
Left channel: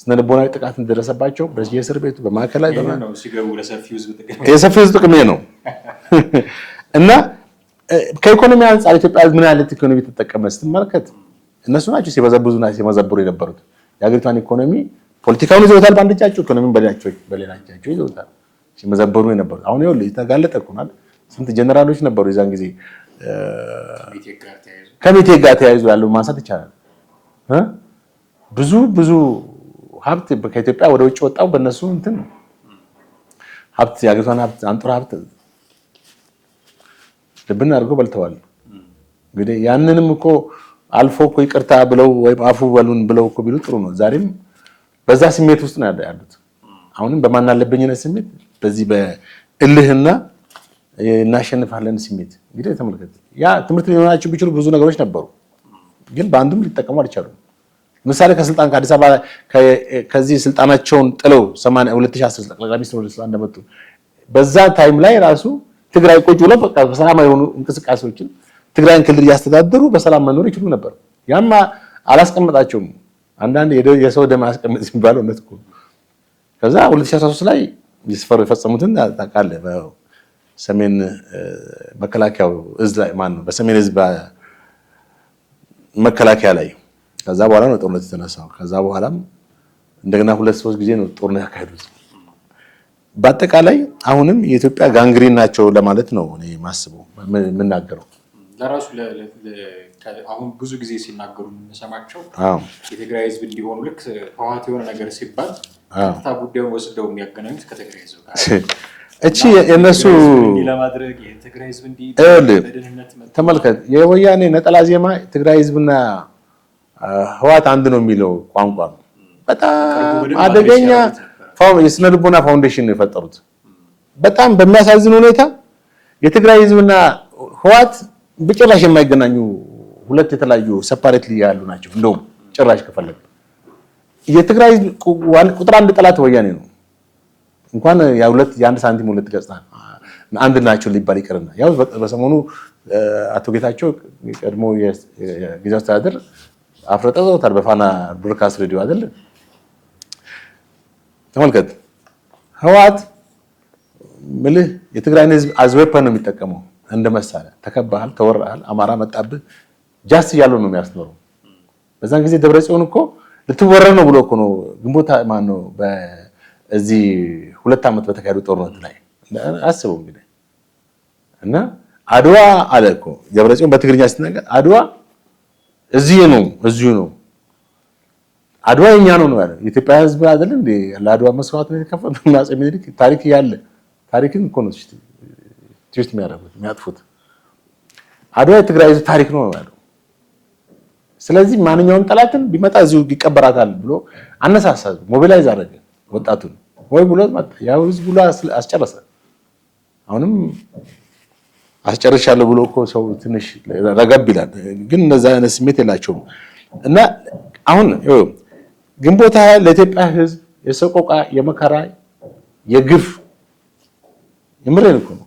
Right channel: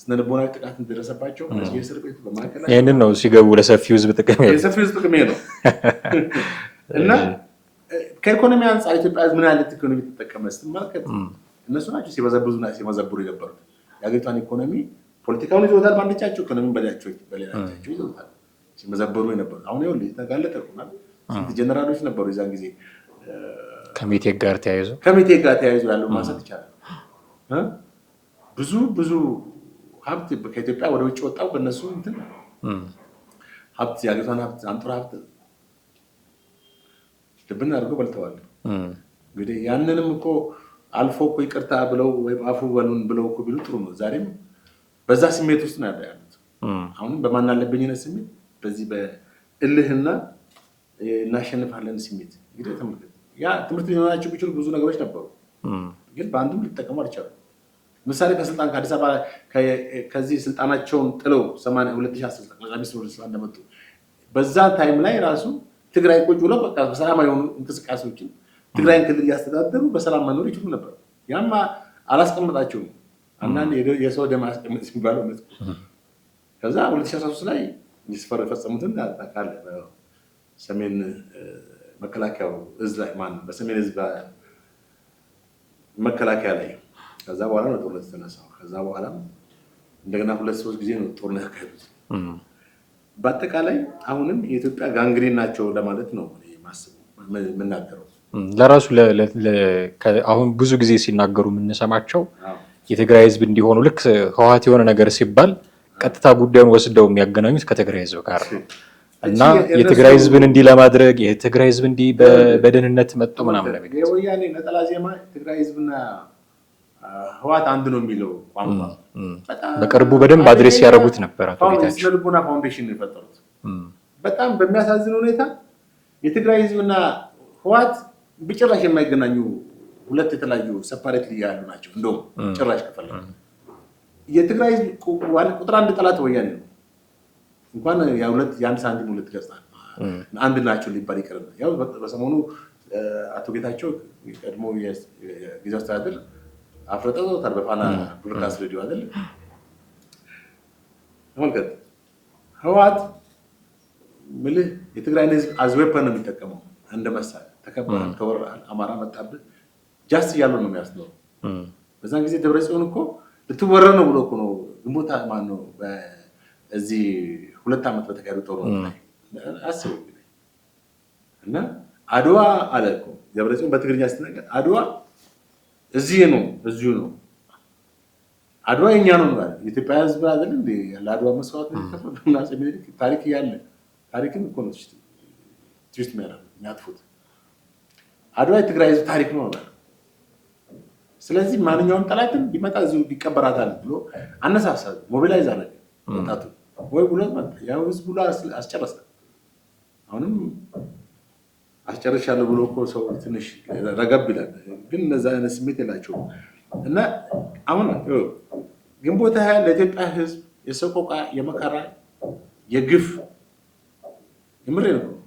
ስነልቦናዊ ጥቃት እንደደረሰባቸው በየእስር ቤቱ በማዕከላዊ ይሄንን ነው ሲገቡ ለሰፊው ህዝብ ጥቅም ነው እና ከኢኮኖሚ አንጻር ኢትዮጵያ ምን አይነት ኢኮኖሚ ተጠቀመ ስትመለከት እነሱ ናቸው ሲበዘብዙና ሲመዘብሩ የነበሩት። የሀገሪቷን ኢኮኖሚ ፖለቲካውን ይዘውታል በአንድ እጃቸው፣ ኢኮኖሚውን በሌላ እጃቸው ይዘውታል ሲመዘብሩ የነበሩት። አሁን ይኸውልህ የተጋለጠ እኮ ማለት ስንት ጀነራሎች ነበሩ የዛን ጊዜ ከሜቴክ ጋር ተያይዞ ያለው ማንሳት ይቻላል። ብዙ ሀብት ከኢትዮጵያ ወደ ውጭ ወጣው በእነሱ እንትን ሀብት የሀገሪቷን ሀብት አንጡራ ሀብት ልብን አድርገው በልተዋል። እንግዲህ ያንንም እኮ አልፎ እኮ ይቅርታ ብለው ወይም አፉ በሉን ብለው እኮ ቢሉ ጥሩ ነው። ዛሬም በዛ ስሜት ውስጥ ነው ያሉት። አሁንም በማናለብኝነት ስሜት በዚህ በእልህና እናሸንፋለን ስሜት እንግዲህ ተመልከት። ያ ትምህርት ሊሆናቸው ቢችሉ ብዙ ነገሮች ነበሩ፣ ግን በአንድም ሊጠቀሙ አልቻሉም። ምሳሌ ከስልጣን ከአዲስ አበባ ከዚህ ስልጣናቸውን ጥለው 2010 ጠቅላይ ሚኒስትር እንደመጡ በዛ ታይም ላይ ራሱ ትግራይ ቁጭ ብለው በቃ በሰላማዊ የሆኑ እንቅስቃሴዎችን ትግራይን ክልል እያስተዳደሩ በሰላም መኖር ይችሉ ነበር። ያማ አላስቀመጣቸውም። አንዳንድ የሰው ደም አስቀምጥ የሚባለው እውነት እኮ። ከዛ 2013 ላይ ይስፈሩ የፈጸሙትን ታውቃለህ። በሰሜን መከላከያው እዝ ላይ በሰሜን ህዝብ መከላከያ ላይ ከዛ በኋላ ነው ጦርነት የተነሳው። ከዛ በኋላም እንደገና 2-3 ጊዜ ነው ጦርነት ያካሄዱት። በአጠቃላይ አሁንም የኢትዮጵያ ጋንግሪን ናቸው ለማለት ነው እኔ ማስበው የምናገረው። ለራሱ አሁን ብዙ ጊዜ ሲናገሩ የምንሰማቸው የትግራይ ህዝብ እንዲሆኑ ልክ ህወሓት የሆነ ነገር ሲባል ቀጥታ ጉዳዩን ወስደው የሚያገናኙት ከትግራይ ህዝብ ጋር የትግራይ ህዝብን እንዲህ ለማድረግ የትግራይ ህዝብ እንዲህ በደህንነት ተመልከት። የወያኔ ነጠላ ዜማ ትግራይ ህዝብና ህወሓት አንድ ነው የሚለው ቋንቋ በቅርቡ በደንብ አድሬስ ያደረጉት ነበር። የስነ ልቦና ፋውንዴሽን ነው የፈጠሩት። በጣም በሚያሳዝን ሁኔታ የትግራይ ህዝብና ህወሓት በጭራሽ የማይገናኙ ሁለት የተለያዩ ሰፓሬትሊ ያሉ ናቸው። እንደውም ጭራሽ ከፈለጉ የትግራይ ህዝብ ቁጥር አንድ ጠላት ወያኔ ነው። እንኳን የአንድ ሳንቲም ሁለት ገጽታ አንድ ናቸው ሊባል ይቅርና ያው በሰሞኑ አቶ ጌታቸው ቀድሞ የጊዜያዊ አስተዳደር አፍረጠውታል በፋና ብሮድካስት ሬዲዮ አይደል? ተመልከት። ህወሓት ምልህ የትግራይን ህዝብ አዝዌፐን ነው የሚጠቀመው እንደ መሳሪያ። ተከባሃል፣ ተወራሃል፣ አማራ መጣብህ ጃስት እያለው ነው የሚያስበው። በዛን ጊዜ ደብረጽዮን እኮ ልትወረር ነው ብሎ እኮ ነው ግንቦት ማን ነው በዚህ 2 ዓመት በተካሄዱ ጦርነት ላይ አስበው እንግዲህ እና አድዋ አለ እኮ ደብረጽዮን በትግርኛ ሲናገር አድዋ እዚሁ ነው አድዋ የኛ ነው ያለው። የኢትዮጵያ ህዝብ አይደል እንዴ ለአድዋ መስዋዕት ነው የከፈለው። አፄ ምኒልክ ታሪክ ያለ ታሪክን እኮ ነው ትዊስት የሚያጥፉት። አድዋ የትግራይ ህዝብ ታሪክ ነው ያለው። ስለዚህ ማንኛውም ጠላትን ቢመጣ እዚሁ ይቀበራታል ብሎ አነሳሳ፣ ሞቢላይዝ አደረገ ወጣቱን። ወይ ብሎ ያው ህዝብ ብሎ አስጨረሰ። አሁንም አስጨርሻለሁ ብሎ እኮ ሰው ትንሽ ረገብ ይላል። ግን እነዛ አይነት ስሜት የላቸውም። እና አሁን ግንቦት ሃያ ለኢትዮጵያ ህዝብ የሰቆቃ የመከራ የግፍ የምሬን እኮ ነው።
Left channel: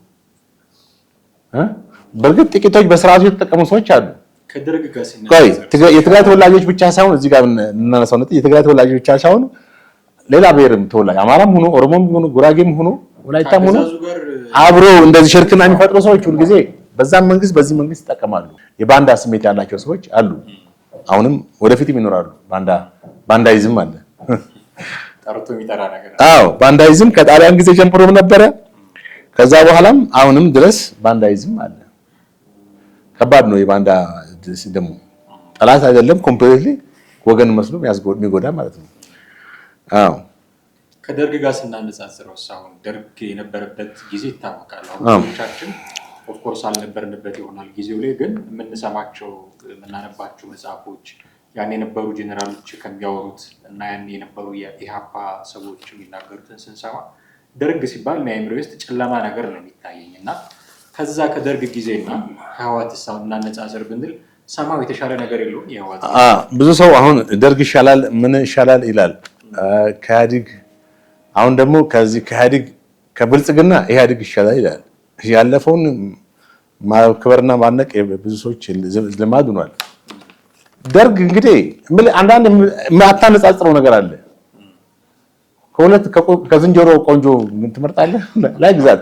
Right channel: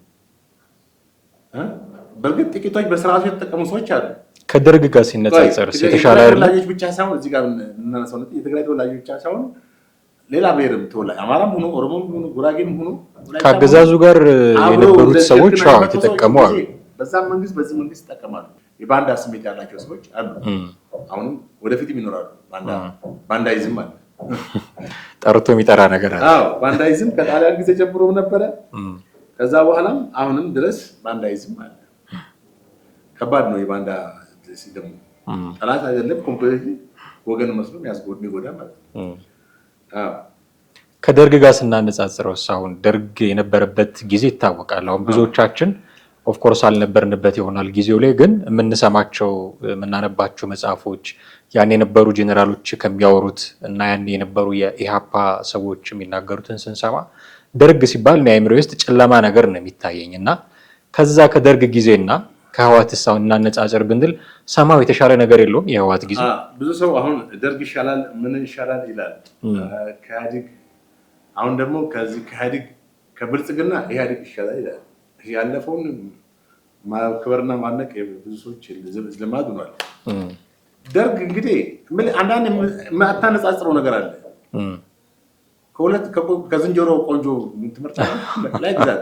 በእርግጥ ጥቂቶች በስርዓቱ የተጠቀሙ ሰዎች አሉ። ከደርግ ጋር ሲነጻጸር የትግራይ ተወላጆች ብቻ ሳይሆን እዚህ ጋር እናነሳው ነጥብ የትግራይ ተወላጆች ብቻ ሳይሆን ሌላ ብሔርም ተወላጅ አማራም ሆኖ ኦሮሞም ሆኖ ጉራጌም ሆኖ ከአገዛዙ ጋር አብሮ እንደዚህ ሽርክና የሚፈጥሩ ሰዎች ጊዜ በዛም መንግስት በዚህ መንግስት ይጠቀማሉ። የባንዳ ስሜት ያላቸው ሰዎች አሉ። አሁንም ወደፊትም ይኖራሉ። ባንዳይዝም አለ፣ ጠርቶ የሚጠራ ነገር አለ። አዎ ባንዳይዝም ከጣሊያን ጊዜ ጀምሮም ነበረ። ከዛ በኋላም አሁንም ድረስ ባንዳይዝም አለ። ከባድ ነው። የባንዳ ደግሞ ጠላት አይደለም፣ ኮምፕሊትሊ ወገን መስሎ የሚጎዳ ማለት ነው። አዎ ከደርግ ጋር ስናነጻጽረው አሁን ደርግ የነበረበት ጊዜ ይታወቃል። አሁን ብዙዎቻችን ኦፍ ኮርስ አልነበርንበት ይሆናል ጊዜው ላይ፣ ግን የምንሰማቸው የምናነባቸው መጽሐፎች ያን የነበሩ ጄኔራሎች ከሚያወሩት እና ያን የነበሩ የኢሃፓ ሰዎች የሚናገሩትን ስንሰማ ደርግ ሲባል አእምሮ ውስጥ ጨለማ ነገር ነው የሚታየኝ እና ከዛ ከደርግ ጊዜና ከህወሓት ሳው እናነጻጽር ብንል ሰማው የተሻለ ነገር የለውም። የህወሓት ጊዜ ብዙ ሰው አሁን ደርግ ይሻላል ምን ይሻላል ይላል። ከኢህአዴግ አሁን ደግሞ ከዚህ ከኢህአዴግ ከብልጽግና ኢህአዴግ ይሻላል ይላል። ያለፈውን ማክበርና ማነቅ ብዙ ሰዎች ልማድ ሆኗል። ደርግ እንግዲህ አንዳንድ የማታነጻጽረው ነገር አለ። ከዝንጀሮ ቆንጆ ትመርጣለህ ላይ ግዛት።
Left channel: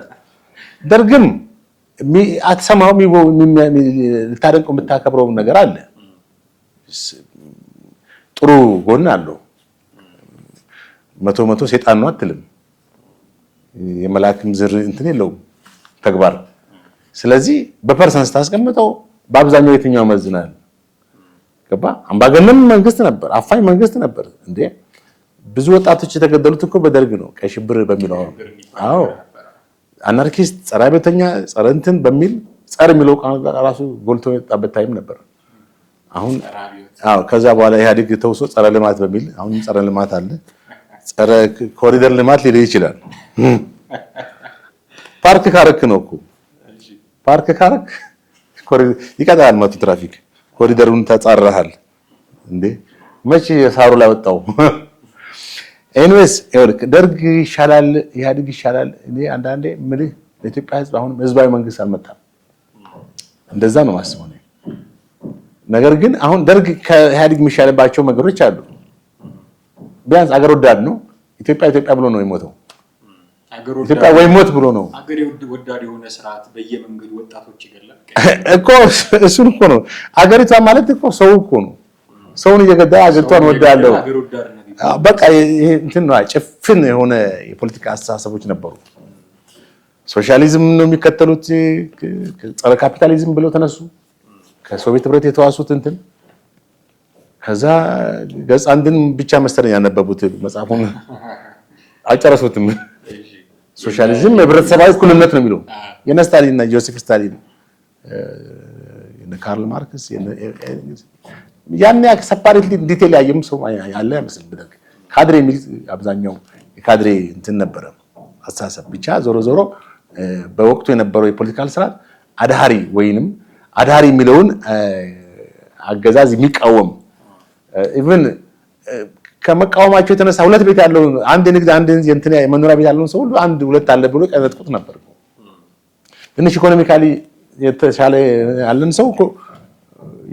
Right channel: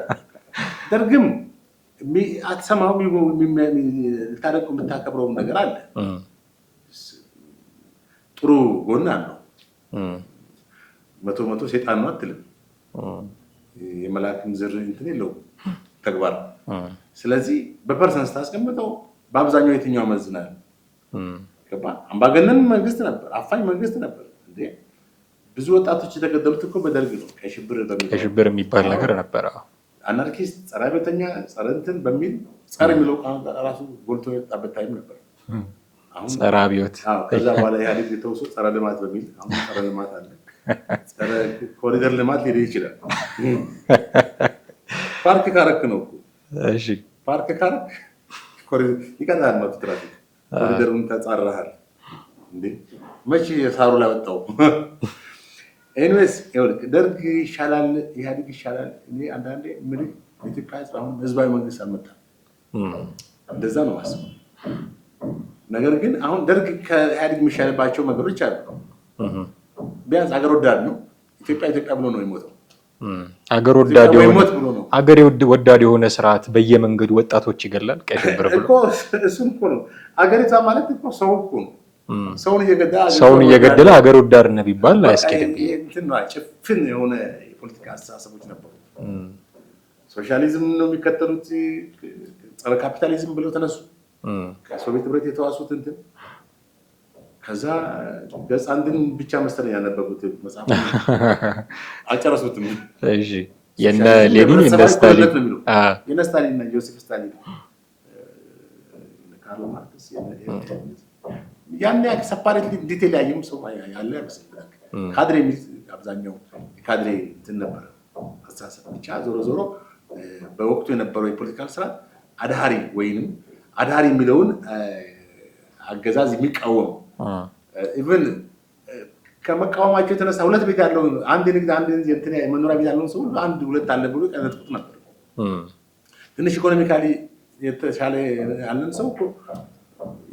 ደርግም አትሰማው ልታደንቀው የምታከብረው ነገር አለ። ጥሩ ጎን አለው። መቶ ሴጣን ነው አትልም። የመላክም ዝር እንትን የለውም ተግባር። ስለዚህ በፐርሰንስ ታስቀምጠው በአብዛኛው የትኛው መዝናል ገባ? አምባገነን መንግስት ነበር፣ አፋኝ መንግስት ነበር። እንዴ ብዙ ወጣቶች የተገደሉት እኮ በደርግ ነው። ቀይ ሽብር በሚለው ሽብር የሚባል ነገር ነበር። አናርኪስት፣ ጸረ ቤተኛ፣ ጸረ እንትን በሚል ጸረ የሚለው ራሱ ጎልቶ የወጣበት ታይም ነበር። አሁን ጸረ አብዮት። አዎ ከዛ በኋላ ኢህአዴግ ተውሶ ጸረ ልማት በሚል አሁን ጸረ ልማት አለ። ጸረ ኮሪደር ልማት ሊል ይችላል። ፓርክ ካረክ ነው እኮ እሺ፣ ፓርክ ካረክ ኮሪደር ይቀጣል። መቶ ትራፊክ ኮሪደሩን ተጻረሃል እንዴ? መቼ ሳሩ ላይ ወጣው? ኤኒዌይስ ደርግ ይሻላል ኢህአዴግ ይሻላል። እኔ አንዳንዴ ምልህ ለኢትዮጵያ ህዝብ አሁን ህዝባዊ መንግስት አልመጣም። እንደዛ ነው ማስበው። ነገር ግን አሁን ደርግ ከኢህአዴግ የሚሻልባቸው ነገሮች አሉ። ቢያንስ አገር ወዳድ ነው። ኢትዮጵያ ብሎ ነው የሞተው። አገር ወዳድ ወይ ሞት ብሎ ነው። አገር ወዳድ የሆነ ስርዓት በየመንገዱ ወጣቶች ይገላል እኮ። እሱን እኮ ነው አገሪቷ ማለት እኮ ሰው እኮ ነው። ሰውን እየገደለ አገሪቷን ወዳድ አገር ወዳድ ነው ቢባል በቃ ይሄ እንትን ነው። ጭፍን የሆነ የፖለቲካ አስተሳሰቦች ነበሩ። ሶሻሊዝም ነው የሚከተሉት። ጸረ ካፒታሊዝም ብለው ተነሱ። ከሶቪየት ህብረት የተዋሱት እንትን ከዛ ገጽ አንድን ብቻ መሰለኝ ያነበቡት መጽሐፉን አልጨረሱትም። እሺ ሶሻሊዝም የህብረተሰባዊ እኩልነት ነው የሚለው የነ ስታሊን እና ጆሴፍ ስታሊን የነ ካርል ማርክስ ያን ያክል ሰፓሬት ዲቴል ያየም ሰው ያለ አይመስልም። ብለህ ካድሬ የሚል አብዛኛው የካድሬ እንትን ነበረ አስተሳሰብ ብቻ። ዞሮ ዞሮ በወቅቱ የነበረው የፖለቲካል ስርዓት አድሃሪ ወይንም አድሃሪ የሚለውን አገዛዝ የሚቃወም ኢቭን ከመቃወማቸው የተነሳ ሁለት ቤት ያለው አንድ ንግድ አንድ እንትን መኖሪያ ቤት ያለውን ሰው ሁሉ አንድ ሁለት አለ ብሎ ቀነጥቁት ነበር። ትንሽ ኢኮኖሚካሊ የተሻለ ያለን ሰው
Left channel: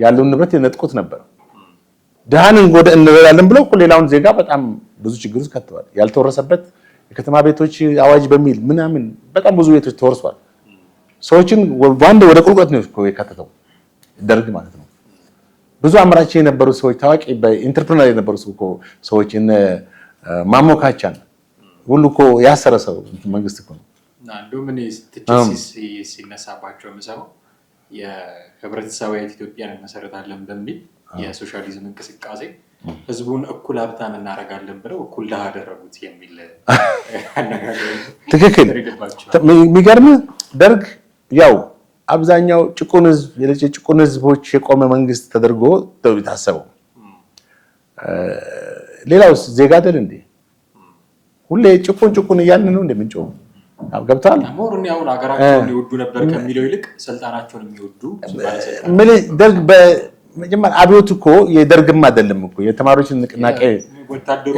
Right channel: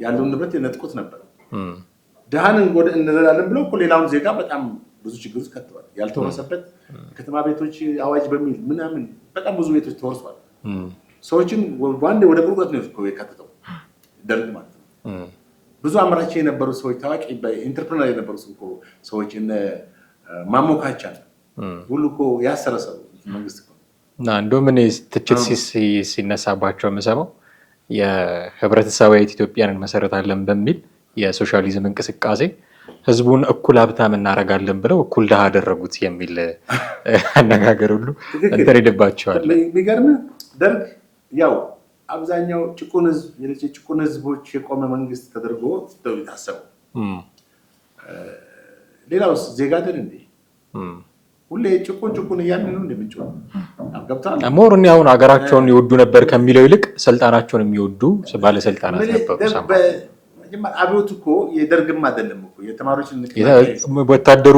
ያለውን ንብረት የነጥቁት ነበር። ድሃን እንረዳለን ብለው ሌላውን ዜጋ በጣም ብዙ ችግር ውስጥ ከተዋል። ያልተወረሰበት የከተማ ቤቶች አዋጅ በሚል ምናምን በጣም ብዙ ቤቶች ተወርሷል። ሰዎችን ወንድ ወደ ቁልቁለት ነው የከተተው ደርግ ማለት ነው። ብዙ አምራች የነበሩ ሰዎች ታዋቂ በኢንተርፕረነር የነበሩ ሰዎች እነ ማሞካቻን ሁሉ እኮ ያሰረ ሰው መንግስት እኮ ነው። እና እንደውም እኔ ትችት ሲነሳባቸው የምሰማው የህብረተሰባዊት ኢትዮጵያን እንመሰረታለን በሚል የሶሻሊዝም እንቅስቃሴ ህዝቡን እኩል ሀብታም እናደርጋለን ብለው እኩል ድሃ አደረጉት የሚል አነጋገር ሁሉ ተሬድባቸዋል። የሚገርም ደርግ ያው አብዛኛው ጭቁን ህዝቦች የቆመ መንግስት ተደርጎ የታሰበው ሌላውስ ዜጋ አይደል እንዴ? ሁሌ ጭቁን እያልን ነው እንደምንጮህ ገብቷል። ሞር እኔ አሁን ሀገራቸውን ይወዱ ነበር ከሚለው ይልቅ ስልጣናቸውን የሚወዱ ባለስልጣናት መጀመሪያ አብዮት እኮ የደርግም አይደለም እኮ የተማሪዎችን ንቅናቄ ወታደሩ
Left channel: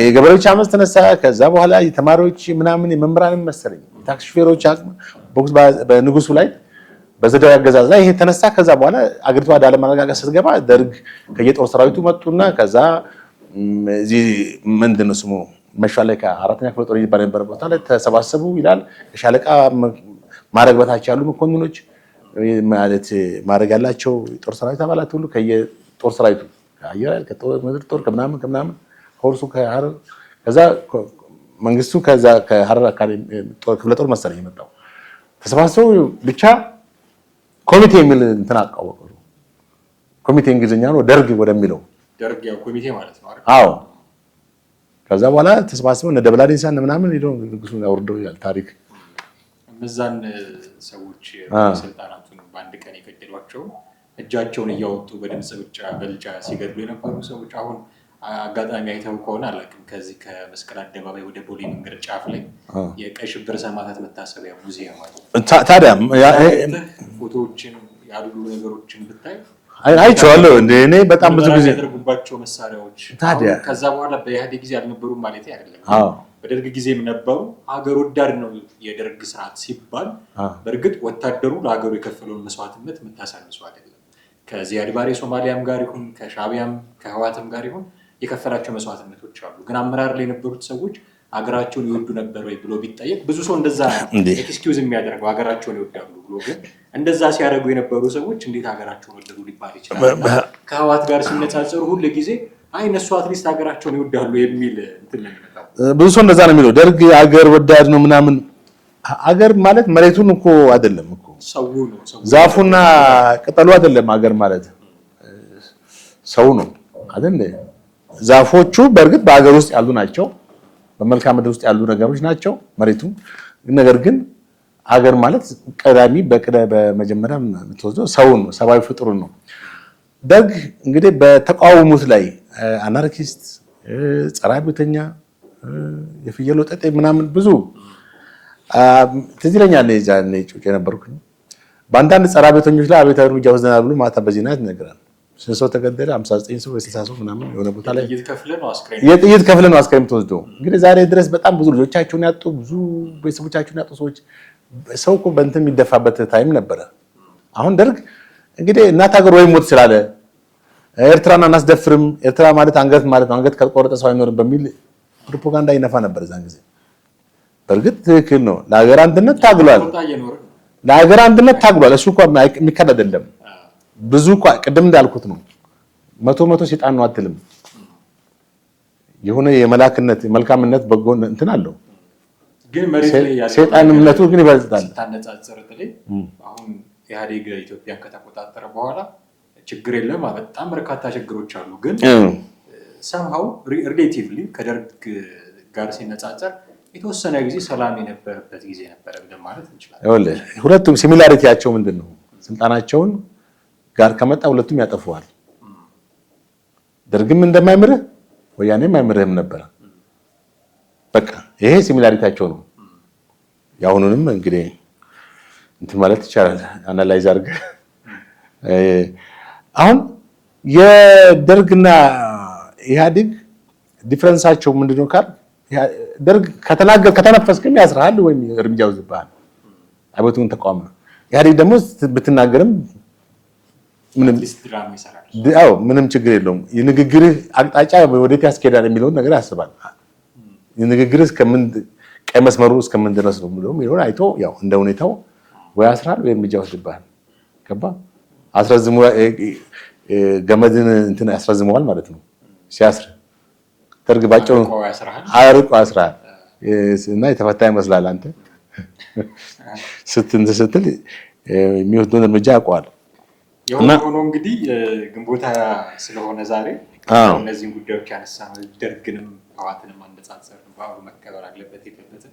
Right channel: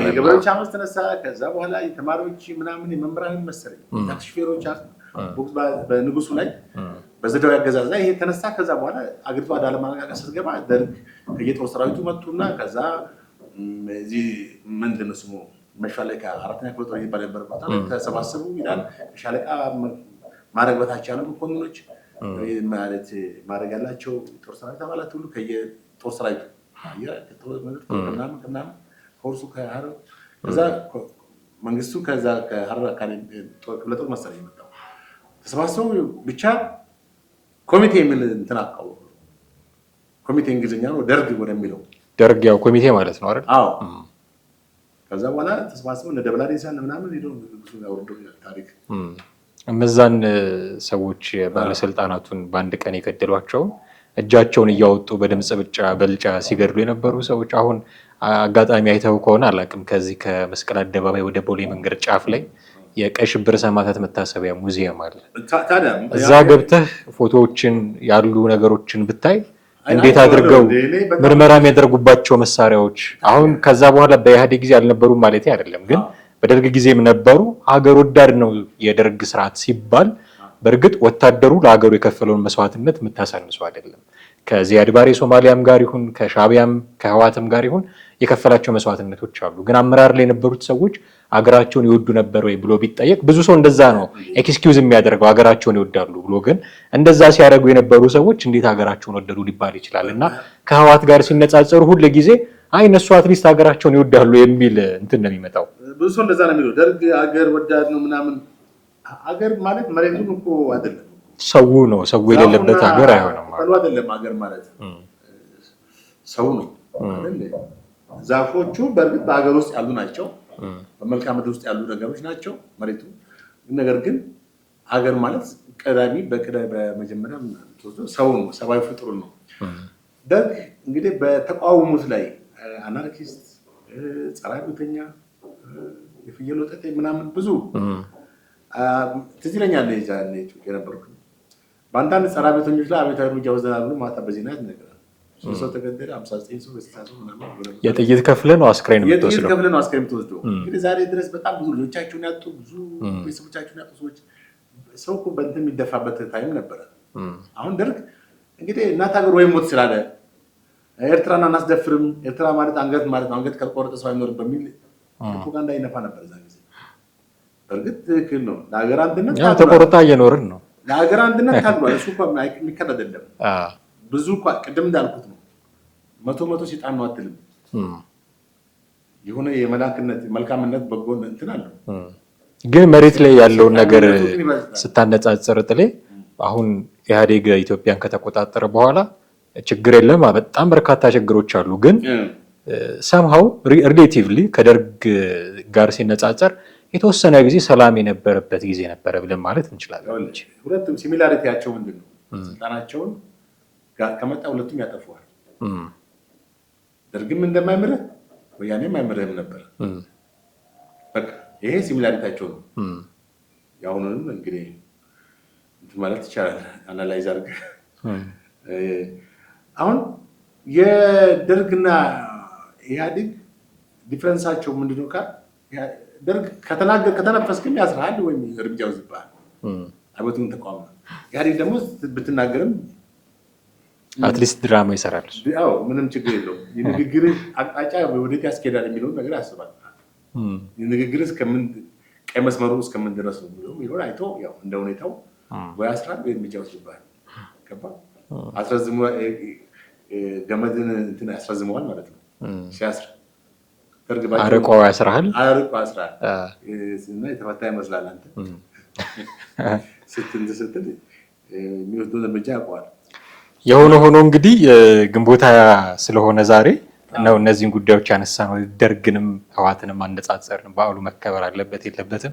የገበሬዎች አመፅ ተነሳ። ከዛ በኋላ የተማሪዎች ምናምን የመምህራንን መሰለኝ ታክሲ ሹፌሮች ቦክስ በንጉሱ ላይ በዘዳዊ አገዛዝ ላይ ይሄ ተነሳ። ከዛ በኋላ አገሪቷ ወደ አለመረጋጋት ስትገባ ደርግ ከየጦር ሰራዊቱ መጡና ከዛ እዚህ ምንድን ነው ስሙ መሻለ ከአራተኛ ክፍለ ጦር ይባል ነበር ቦታ ላይ ተሰባሰቡ ይላል። ሻለቃ ማዕረግ በታች ያሉ መኮንኖች ማለት ማድረግ ያላቸው ጦር ሰራዊት አባላት ሁሉ ከየጦር ሰራዊቱ አየር ከምድር ጦር ከምናምን ሆርሱ ከሐረር ከዛ መንግስቱ ከዛ ከሐረር አካባቢ ክፍለ ጦር መሰለኝ የመጣው ተሰባሰቡ ብቻ ኮሚቴ የሚል እንትን አቋቋሙ። ኮሚቴ እንግሊዝኛ ነው ደርግ ወደሚለው ደርግ ያው ኮሚቴ ማለት ነው አይደል? አዎ። ከዛ በኋላ ተሰባስበው እነ ደብላዴሳ ምናምን ሄደው ንጉሱን ያወርደው ይላል ታሪክ። እነዛን ሰዎች ባለስልጣናቱን በአንድ ቀን የገደሏቸው እጃቸውን እያወጡ በድምፅ በልጫ ሲገድሉ የነበሩ ሰዎች አሁን አጋጣሚ አይተው ከሆነ አላውቅም፣ ከዚህ ከመስቀል አደባባይ ወደ ቦሌ መንገድ ጫፍ ላይ የቀይ ሽብር ሰማዕታት መታሰቢያ ሙዚየም አለ። ታዲያ እዛ ገብተህ ፎቶዎችን ያሉ ነገሮችን ብታይ አይቻለሁ እንደ እኔ በጣም ምርመራ የሚያደርጉባቸው መሳሪያዎች አሁን ከዛ በኋላ በኢህአዴግ ጊዜ አልነበሩም ማለት አይደለም፣ ግን በደርግ ጊዜም ነበሩ። ሀገር ወዳድ ነው የደርግ ስርዓት ሲባል በእርግጥ ወታደሩ ለሀገሩ የከፈለውን መስዋዕትነት የምታሳንሰው አይደለም። ከዚያድ ባሬ ሶማሊያም ጋር ይሁን ከሻቢያም ከህዋትም ጋር ይሁን የከፈላቸው መስዋዕትነቶች አሉ። ግን አመራር ላይ የነበሩት ሰዎች ሀገራቸውን ይወዱ ነበር ወይ ብሎ ቢጠየቅ ብዙ ሰው እንደዛ ነው ኤክስኪውዝ የሚያደርገው ሀገራቸውን ይወዳሉ ብሎ። ግን እንደዛ ሲያደርጉ የነበሩ ሰዎች እንዴት ሀገራቸውን ወደዱ ሊባል ይችላል? እና ከህዋት ጋር ሲነጻጸሩ ሁሉ ጊዜ አይ እነሱ አትሊስት ሀገራቸውን ይወዳሉ የሚል እንትን ነው የሚመጣው። ብዙ ሰው እንደዛ ነው የሚለው። ደርግ ሀገር ወዳድ ነው ምናምን። ሀገር ማለት መሬቱን እኮ አይደለም እኮ ሰው ነው፣ ሰው ዛፉና ቅጠሉ አይደለም። ሀገር ማለት ሰው ነው አይደል? ዛፎቹ በእርግጥ በሀገር ውስጥ ያሉ ናቸው፣ በመልክዓ ምድር ውስጥ ያሉ ነገሮች ናቸው መሬቱ። ነገር ግን ሀገር ማለት ቀዳሚ በመጀመሪያ የምትወስደው ሰውን ሰብአዊ ፍጡሩን ነው። ደርግ እንግዲህ በተቃውሙት ላይ አናርኪስት፣ ጸረ አብዮተኛ፣ የፍየል ወጠጤ ምናምን ብዙ ትዝ ይለኛል። ዛኔ ጩጬ ነበርኩ። በአንዳንድ ጸረ አብዮተኞች ላይ አብዮታዊ እርምጃ ወስደናል ብሎ ማታ በዜና ይነገራል። ሰው ተገደለ፣ 59 ሰው 60 ሰው ምናምን የሆነ ቦታ ላይ የጥይት ከፍለ ነው አስክሬን ተወስዶ እንግዲህ ዛሬ ድረስ በጣም ብዙ ልጆቻቸውን ያጡ ብዙ ቤተሰቦቻቸውን ያጡ ሰዎች ሰው እኮ በእንትን የሚደፋበት ታይም ነበረ። አሁን ደርግ እንግዲህ እናት ሀገር ወይ ሞት ስላለ ኤርትራን አናስደፍርም፣ ኤርትራ ማለት አንገት ማለት ነው፣ አንገት ካልቆረጠ ሰው አይኖርም በሚል ፕሮፓጋንዳ ይነፋ ነበር ዛን ጊዜ። በእርግጥ ትክክል ነው። ለሀገር አንድነት ታግሏል፣ እየኖርን ነው። ለሀገር አንድነት ታግሏል። እሱ እንኳን የሚካድ አይደለም። ብዙ ቅድም እንዳልኩት ነው። መቶ ሰይጣን ነው አትልም። የሆነ የመላክነት የመልካምነት በጎ እንትን አለው። ግን መሬት ላይ ያለው ነገር ስታነጻጽር ጥሌ አሁን ኢህአዴግ ኢትዮጵያን ከተቆጣጠረ በኋላ ችግር የለም፣ በጣም በርካታ ችግሮች አሉ። ግን ሰምሃው ሪሌቲቭሊ ከደርግ ጋር ሲነጻጸር የተወሰነ ጊዜ ሰላም የነበረበት ጊዜ ነበረ ብለን ማለት እንችላለን። ሁለቱም ሲሚላሪቲያቸው ምንድን ነው? ስልጣናቸውን ጋር ከመጣ ሁለቱም ያጠፉዋል። ደርግም እንደማይምርህ ወያኔም አይምርህም ነበር። በቃ ይሄ ሲሚላሪቲያቸው ነው። የአሁኑንም እንግዲህ እንትን ማለት ይቻላል አናላይዝ አድርገህ። አሁን የደርግና ኢህአዴግ ዲፍረንሳቸው ምንድነው ካል ደርግ ከተነፈስክም ያስራሃል ወይም እርምጃ ይወስድብሃል። አብዮቱን ተቃውሞ ነው። ኢህአዴግ ደግሞ ብትናገርም አትሊስት ድራማ ይሰራል። አዎ ምንም ችግር የለውም። የንግግርህ አቅጣጫ ወዴት ያስኬዳል የሚለውን ነገር ያስባል። የንግግርህ ቀይ መስመሩ እስከምን ድረስ ነው የሚለውም ይሆን አይቶ ያው እንደ ሁኔታው ወይ ያስራል ወይ እርምጃ ይወስድብሃል። ገባ አስረዝሙ ገመድን እንትን ያስረዝመዋል ማለት ነው። ሲያስር ደርግ ባጭሩ አርቆ ያስራል እና የተፈታ ይመስላል። አንተ ስትል የሚወስደውን እርምጃ ያውቀዋል። የሆነ ሆኖ እንግዲህ ግንቦት ሃያ ስለሆነ ዛሬ ያው እነዚህን ጉዳዮች ያነሳነው ደርግንም ህወሓትንም አነጻጸርን፣ በዓሉ መከበር አለበት የለበትም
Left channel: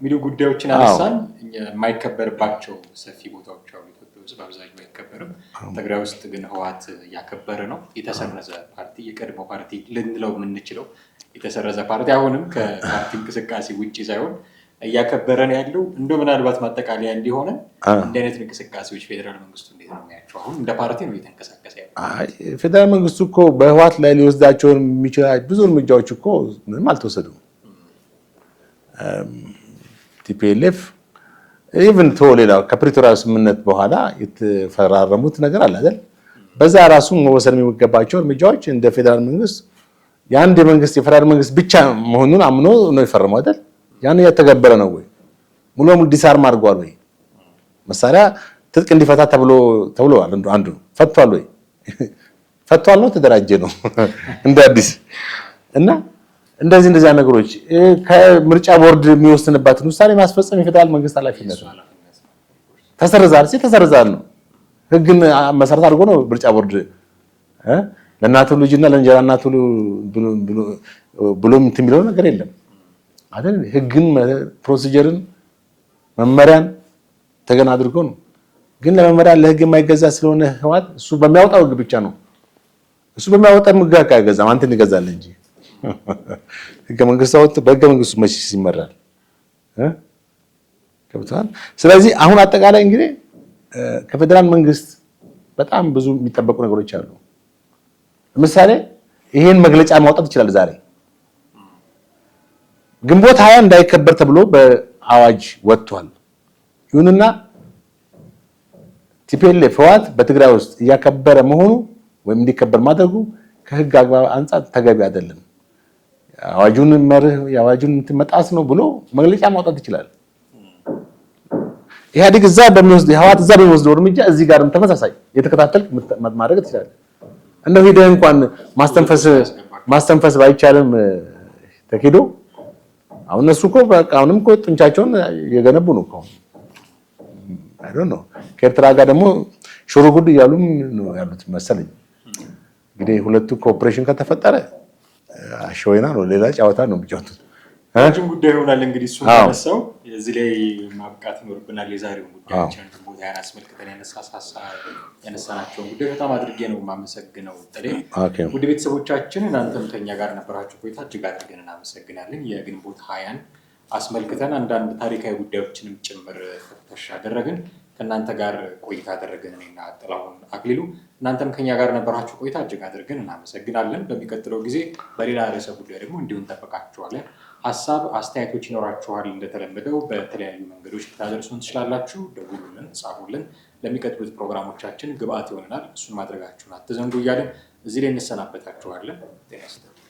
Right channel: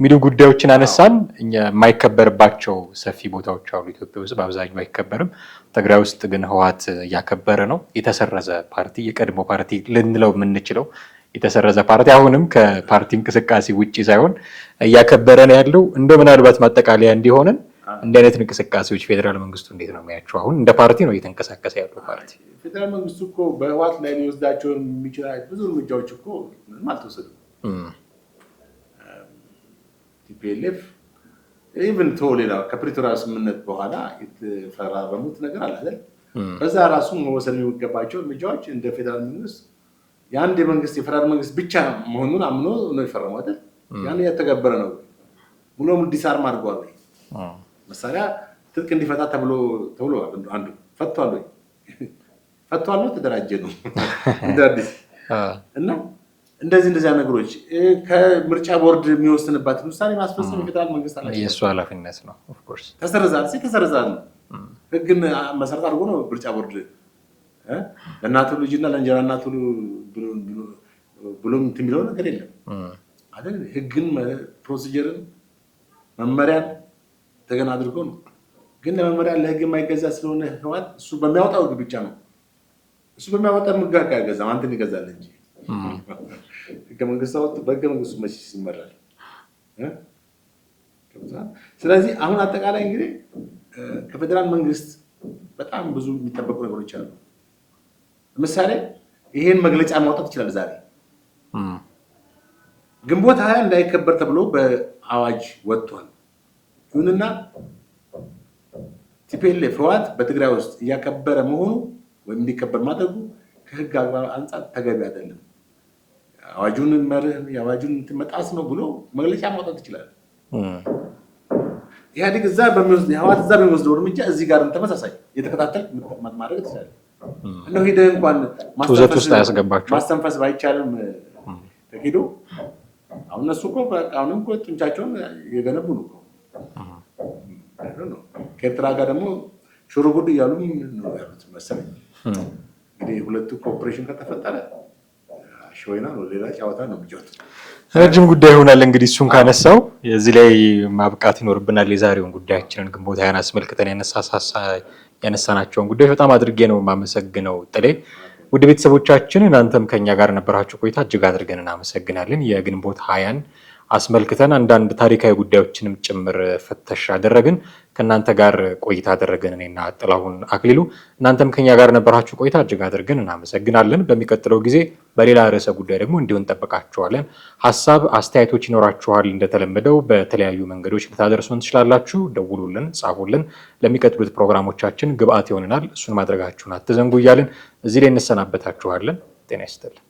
የሚሉ ጉዳዮችን አነሳን። እኛ የማይከበርባቸው ሰፊ ቦታዎች አሉ ኢትዮጵያ ውስጥ፣ በአብዛኛው አይከበርም። ትግራይ ውስጥ ግን ህወሓት እያከበረ ነው። የተሰረዘ ፓርቲ፣ የቀድሞ ፓርቲ ልንለው የምንችለው የተሰረዘ ፓርቲ አሁንም ከፓርቲ እንቅስቃሴ ውጭ ሳይሆን እያከበረ ነው ያለው። እንደው ምናልባት ማጠቃለያ እንዲሆነን እንዲህ አይነት እንቅስቃሴዎች ፌዴራል መንግስቱ እንዴት ነው የሚያቸው? አሁን እንደ ፓርቲ ነው እየተንቀሳቀሰ ያለው። ፌዴራል መንግስቱ እኮ በህወሓት ላይ ሊወስዳቸውን የሚችላቸው ብዙ እርምጃዎች እኮ ምንም አልተወሰዱም። ቲፒኤልኤፍ ኢቭን ሌላው ከፕሪቶሪያ ስምምነት በኋላ የተፈራረሙት ነገር አለ አይደል? በዛ ራሱ መወሰድ የሚገባቸው እርምጃዎች እንደ ፌዴራል መንግስት የአንድ የመንግስት የፌዴራል መንግስት ብቻ መሆኑን አምኖ ነው የፈረመው አይደል? ያን እያተገበረ ነው ወይ? ሙሉ ሙሉ ዲስአርም አድርጓል ወይ? መሳሪያ ትጥቅ እንዲፈታ ተብሎ አንዱ ፈቷል ወይ? ፈቷል ነው ተደራጀ ነው እንደ አዲስ እና እንደዚህ ነገሮች ከምርጫ ቦርድ የሚወስንባትን ውሳኔ ማስፈጸም የፌዴራል መንግስት ኃላፊነት ነው። ኦፍ ኮርስ ተሰርዛል ነው ህግን መሰረት አድርጎ ነው ምርጫ ቦርድ ለእናቱ ልጅና ለእንጀራ እናቱ ብሎ እንትን የሚለው ነገር የለም አይደል? ህግን፣ ፕሮሲጀርን፣ መመሪያን ተገና አድርጎ ነው። ግን ለመመሪያ ለህግ የማይገዛ ስለሆነ ህወሓት እሱ በሚያወጣው ህግ ብቻ ነው። እሱ በሚያወጣው ህግ አይገዛም፣ አንተን ይገዛል እንጂ ህገ መንግስቱ አወጣ በህገ መንግስቱ መቼ ይመራል? ከብቷል። ስለዚህ አሁን አጠቃላይ እንግዲህ ከፌዴራል መንግስት በጣም ብዙ የሚጠበቁ ነገሮች አሉ። ለምሳሌ ይሄን መግለጫ ማውጣት ይችላል። ዛሬ ግንቦት ሃያ እንዳይከበር ተብሎ በአዋጅ ወጥቷል። ይሁንና ቲፒኤልኤፍ ህወሓት በትግራይ ውስጥ እያከበረ መሆኑ ወይም እንዲከበር ማድረጉ ከህግ አግባብ አንጻር ተገቢ አይደለም፣ አዋጁን መርህ የአዋጁን መጣስ ነው ብሎ መግለጫ ማውጣት ይችላል። ኢህአዴግ እዛ በሚወስደው እርምጃ እዚህ ጋርም ተመሳሳይ የተከታተል ማድረግ ትችላለህ። እንደው ሄደህ እንኳን ማስተንፈስ ባይቻልም ተኪዶ አሁን እነሱ እኮ በቃ አሁንም እኮ ጡንቻቸውን የገነቡ ነው እኮ አይ ዶንት ኖ ከኤርትራ ጋር ደግሞ ሽሩ ጉድ እያሉ ነው ያሉት መሰለኝ። እንግዲህ ሁለቱ ኮኦፕሬሽን ከተፈጠረ አሸወይና ነው ሌላ ጨዋታ ነው የሚጫወቱት። ረጅም ጉዳይ ይሆናል እንግዲህ እሱን ካነሳው እዚህ ላይ ማብቃት ይኖርብናል። የዛሬውን ጉዳያችንን ግንቦት ሃያን አስመልክተን ያነሳናቸውን ጉዳዮች በጣም አድርጌ ነው የማመሰግነው ጥሌ። ውድ ቤተሰቦቻችን እናንተም ከኛ ጋር ነበራችሁ ቆይታ እጅግ አድርገን እናመሰግናለን። የግንቦት ሃያን አስመልክተን አንዳንድ ታሪካዊ ጉዳዮችንም ጭምር ፍተሻ አደረግን። ከእናንተ ጋር ቆይታ አደረግን እኔና ጥላሁን አክሊሉ። እናንተም ከኛ ጋር ነበራችሁ ቆይታ እጅግ አድርገን እናመሰግናለን። በሚቀጥለው ጊዜ በሌላ ርዕሰ ጉዳይ ደግሞ እንዲሁ እንጠብቃችኋለን። ሀሳብ አስተያየቶች ይኖራችኋል፣ እንደተለመደው በተለያዩ መንገዶች ልታደርሱን ትችላላችሁ። ደውሉልን፣ ጻፉልን። ለሚቀጥሉት ፕሮግራሞቻችን ግብአት ይሆንናል። እሱን ማድረጋችሁን አትዘንጉ እያልን እዚህ ላይ እንሰናበታችኋለን። ጤና ይስጥልኝ።